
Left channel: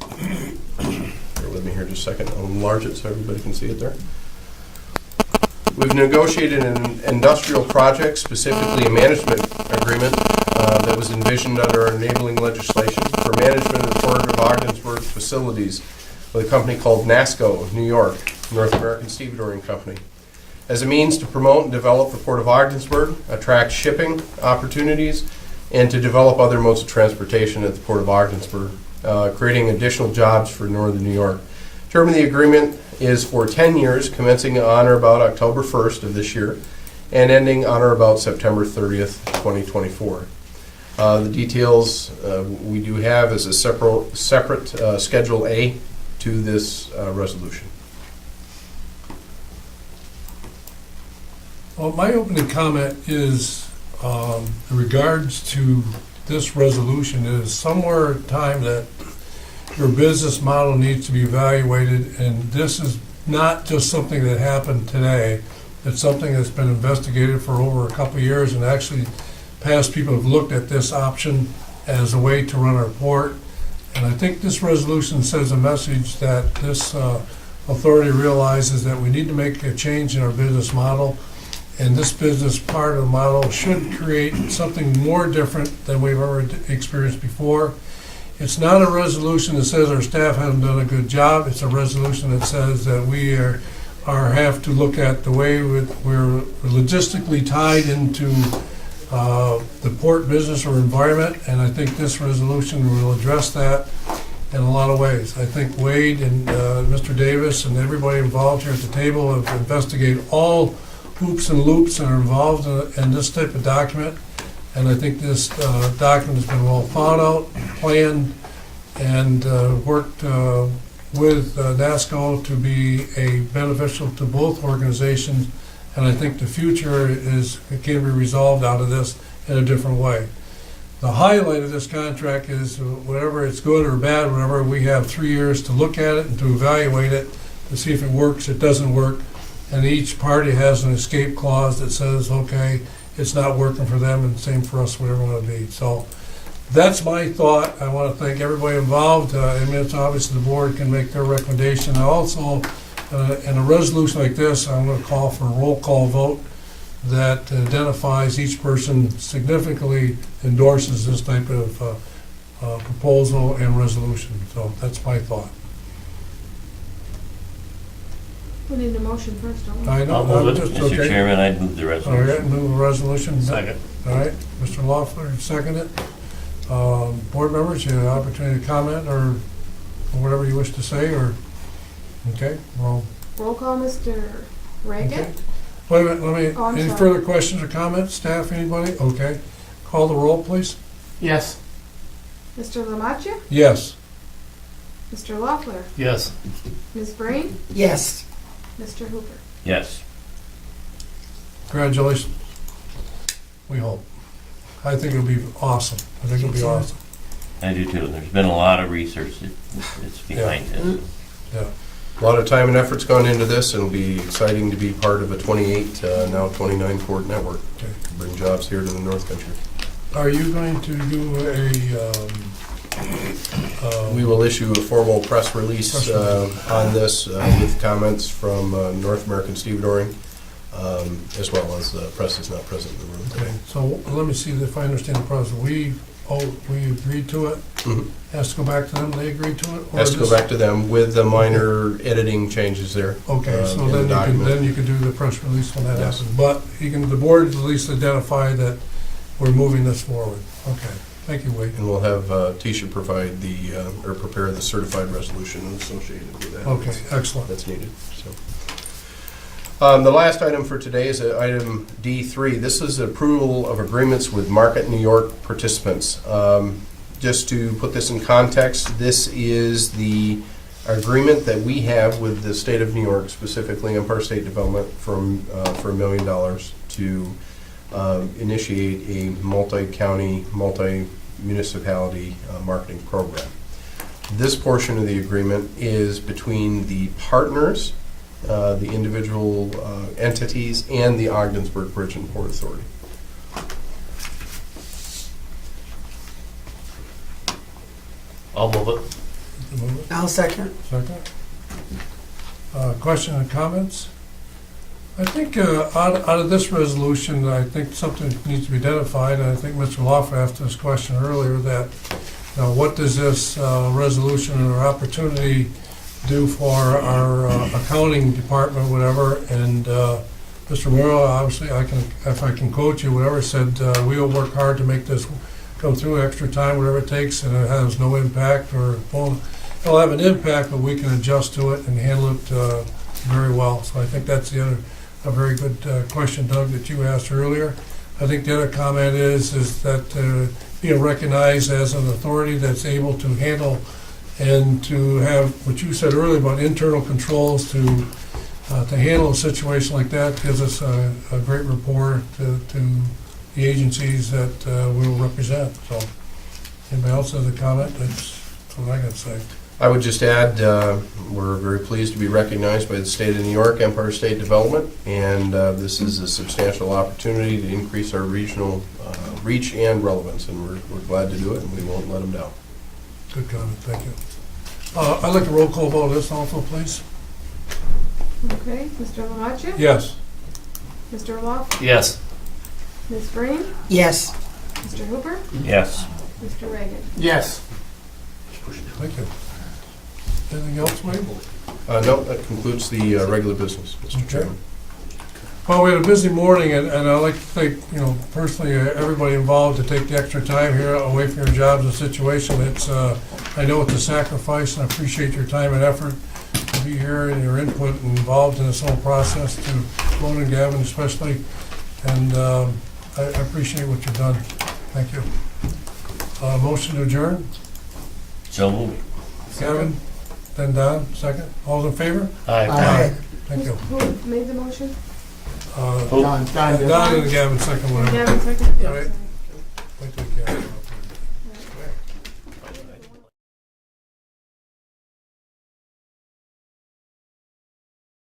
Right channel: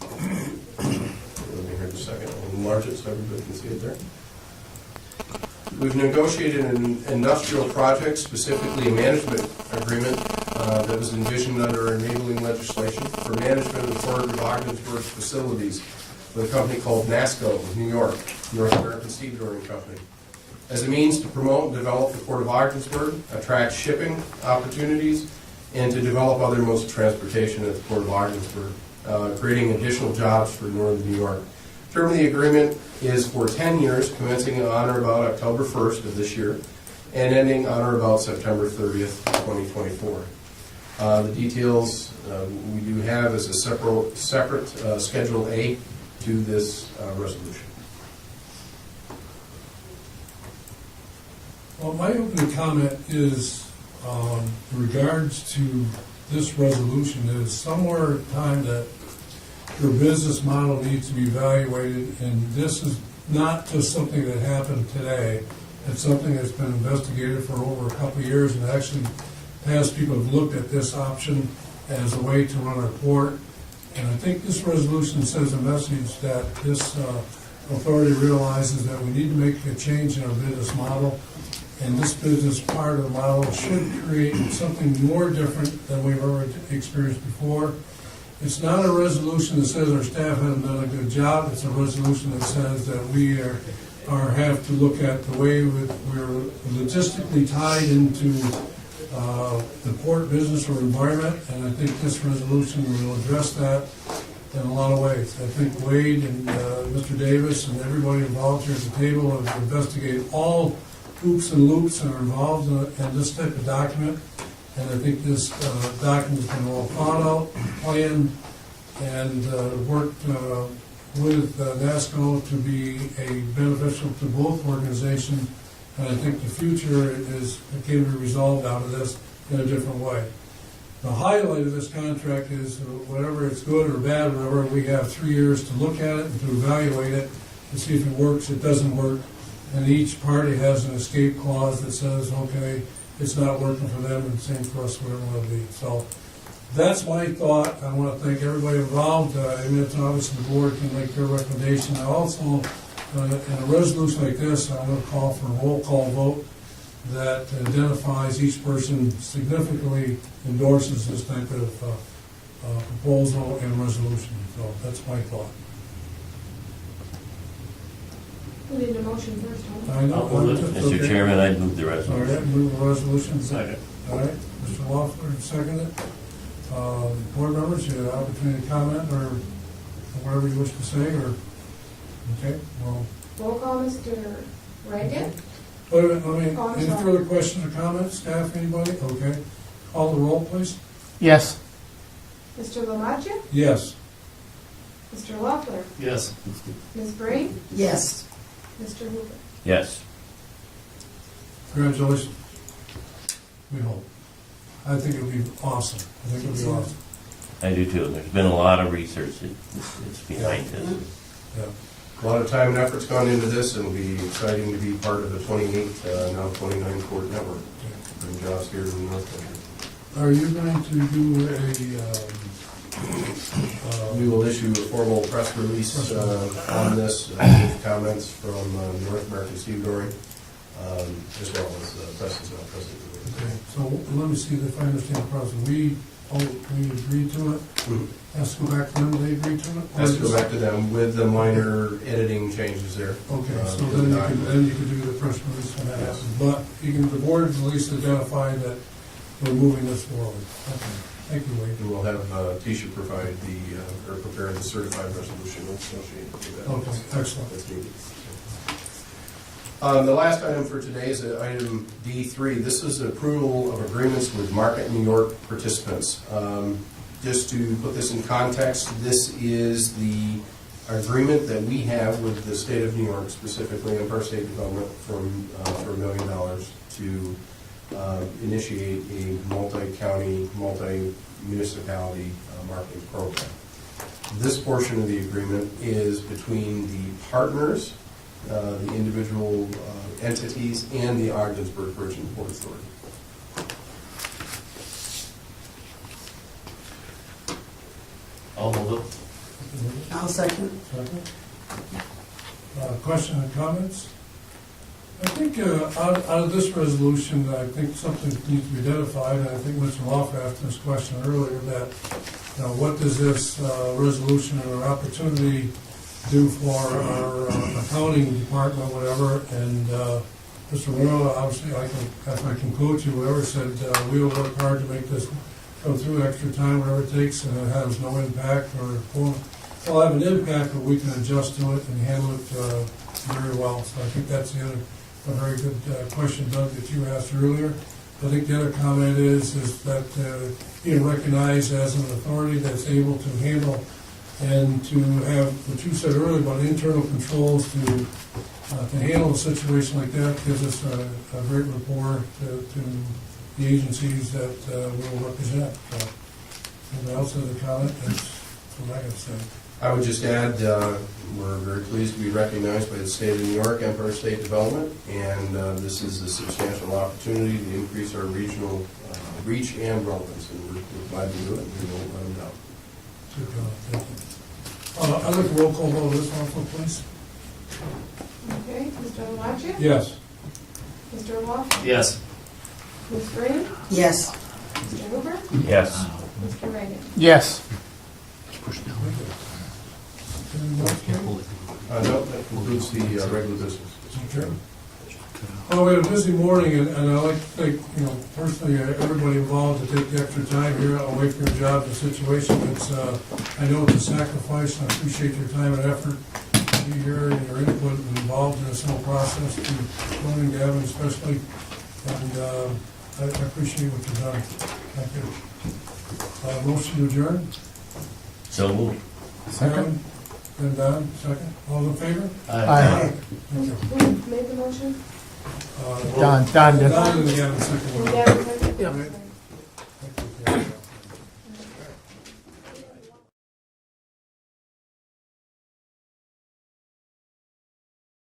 Bear with me here just a second. I'll enlarge it so everybody can see it there. We've negotiated an industrial project, specifically a management agreement that was envisioned under our enabling legislation for management of the Port of Ogdensburg facilities with a company called NASCO, New York, North American Stevedoring Company, as a means to promote and develop the Port of Ogdensburg, attract shipping opportunities, and to develop other modes of transportation at the Port of Ogdensburg, creating additional jobs for Northern New York. Term of the agreement is for 10 years, commencing on or about October 1st of this year, and ending on or about September 30th, 2024. The details we do have is a separate Schedule A to this resolution. Well, my opening comment is in regards to this resolution is somewhere in time that your business model needs to be evaluated, and this is not just something that happened today. It's something that's been investigated for over a couple of years, and actually past people have looked at this option as a way to run our port. And I think this resolution sends a message that this authority realizes that we need to make a change in our business model. And this business part of the model should create something more different than we've ever experienced before. It's not a resolution that says our staff hasn't done a good job. It's a resolution that says that we have to look at the way we're logistically tied into the port business or environment. And I think this resolution will address that in a lot of ways. I think Wade and Mr. Davis and everybody involved here at the table have investigated all hoops and loops that are involved in this type of document. And I think this document has been well thought out, planned, and worked with NASCO to be beneficial to both organizations. And I think the future can be resolved out of this in a different way. The highlight of this contract is whatever it's good or bad, whatever, we have 3 years to look at it and to evaluate it to see if it works, it doesn't work. And each party has an escape clause that says, okay, it's not working for them, and same for us, whatever it want to be. So that's my thought. I want to thank everybody involved. I mean, it's obviously the board can make their recommendation. I also, in a resolution like this, I'm going to call for a roll call vote that identifies each person significantly endorses this type of proposal and resolution. So that's my thought. We need a motion first, don't we? I know. I'll move it. just- Mr. okay. Chairman, I'd move the All right, resolution. move the resolution. Second. All right, Mr. Loeffler, second it. Board members, you have an opportunity to comment or whatever you wish to say, or, okay, well, Roll call, Mr. Reagan? okay. Wait a minute, Oh, I'm any sorry. further questions or comments, staff, anybody? Okay. Call the roll, please. Yes. Mr. Lamacha? Yes. Mr. Loeffler? Yes. Ms. Breen? Yes. Mr. Hooper? Yes. Congratulations. We hope. I think it'll be awesome. I think it'll be awesome. I do too. There's been a lot of research that's behind this. Yeah. A lot of time and effort's gone into this, and it'll be exciting to be part of a 28, now 29 port network. Okay. Bring jobs here to the North Country. Are you going to do We will issue a formal press release on this with comments from North American Stevedoring, as well as the press is not present in the room. okay, so let me see if I understand the process. We agreed to it? Mhm. Has to go back to them, they agreed to it? or Has to go just- back to them with the minor editing changes there. Okay, so in the then document. you can do the press release when that Yes. happens. But the board at least identify that we're moving this forward. Okay. Thank you, Wade. And we'll have Tisha provide or prepare the certified resolution associated with that. Okay, excellent. That's needed. The last item for today is item D3. This is approval of agreements with Market New York participants. Just to put this in context, this is the agreement that we have with the state of New York, specifically Empire State Development, for $1 million to initiate a multi-county, multi-municipality marketing program. This portion of the agreement is between the partners, the individual entities, and the Ogdensburg Bridge and Port Authority. I'll move it. I'll second. Second. Question and comments? I think out of this resolution, I think something needs to be identified, and I think Mr. Loff asked this question earlier, that what does this resolution or opportunity do for our accounting department, whatever, and Mr. Morrow, obviously, if I can quote you, whatever, said, we'll work hard to make this come through, extra time, whatever it takes, and it has no impact, or, well, it'll have an impact, but we can adjust to it and handle it very well. So I think that's a very good question, Doug, that you asked earlier. I think the other comment is that being recognized as an authority that's able to handle and to have what you said earlier about internal controls to handle a situation like that gives us a great rapport to the agencies that we'll represent. So, anybody else has a comment? That's what I got to say. I would just add, we're very pleased to be recognized by the state of New York, Empire State Development, and this is a substantial opportunity to increase our regional reach and relevance, and we're glad to do it, and we won't let them down. Good comment, thank you. I'd like a roll call vote on this also, please. Okay, Mr. Lamacha? Yes. Mr. Loff? Yes. Ms. Green? Yes. Mr. Hooper? Yes. Mr. Reagan? Yes. Thank you. Anything else, Wade? No, that concludes the regular business, Mr. Okay. Chairman. Well, we had a busy morning, and I'd like to thank, personally, everybody involved to take the extra time here away from your jobs and situation. It's, I know it's a sacrifice, and I appreciate your time and effort to be here and your input and involved in this whole process, to Lone and Gavin especially, and I appreciate what you've done. Thank you. Motion to adjourn? So moved. Gavin, then Don, second. All in favor? Aye. Thank you. Who made the motion? Don. Don and Gavin, second one. And Gavin seconded? All right.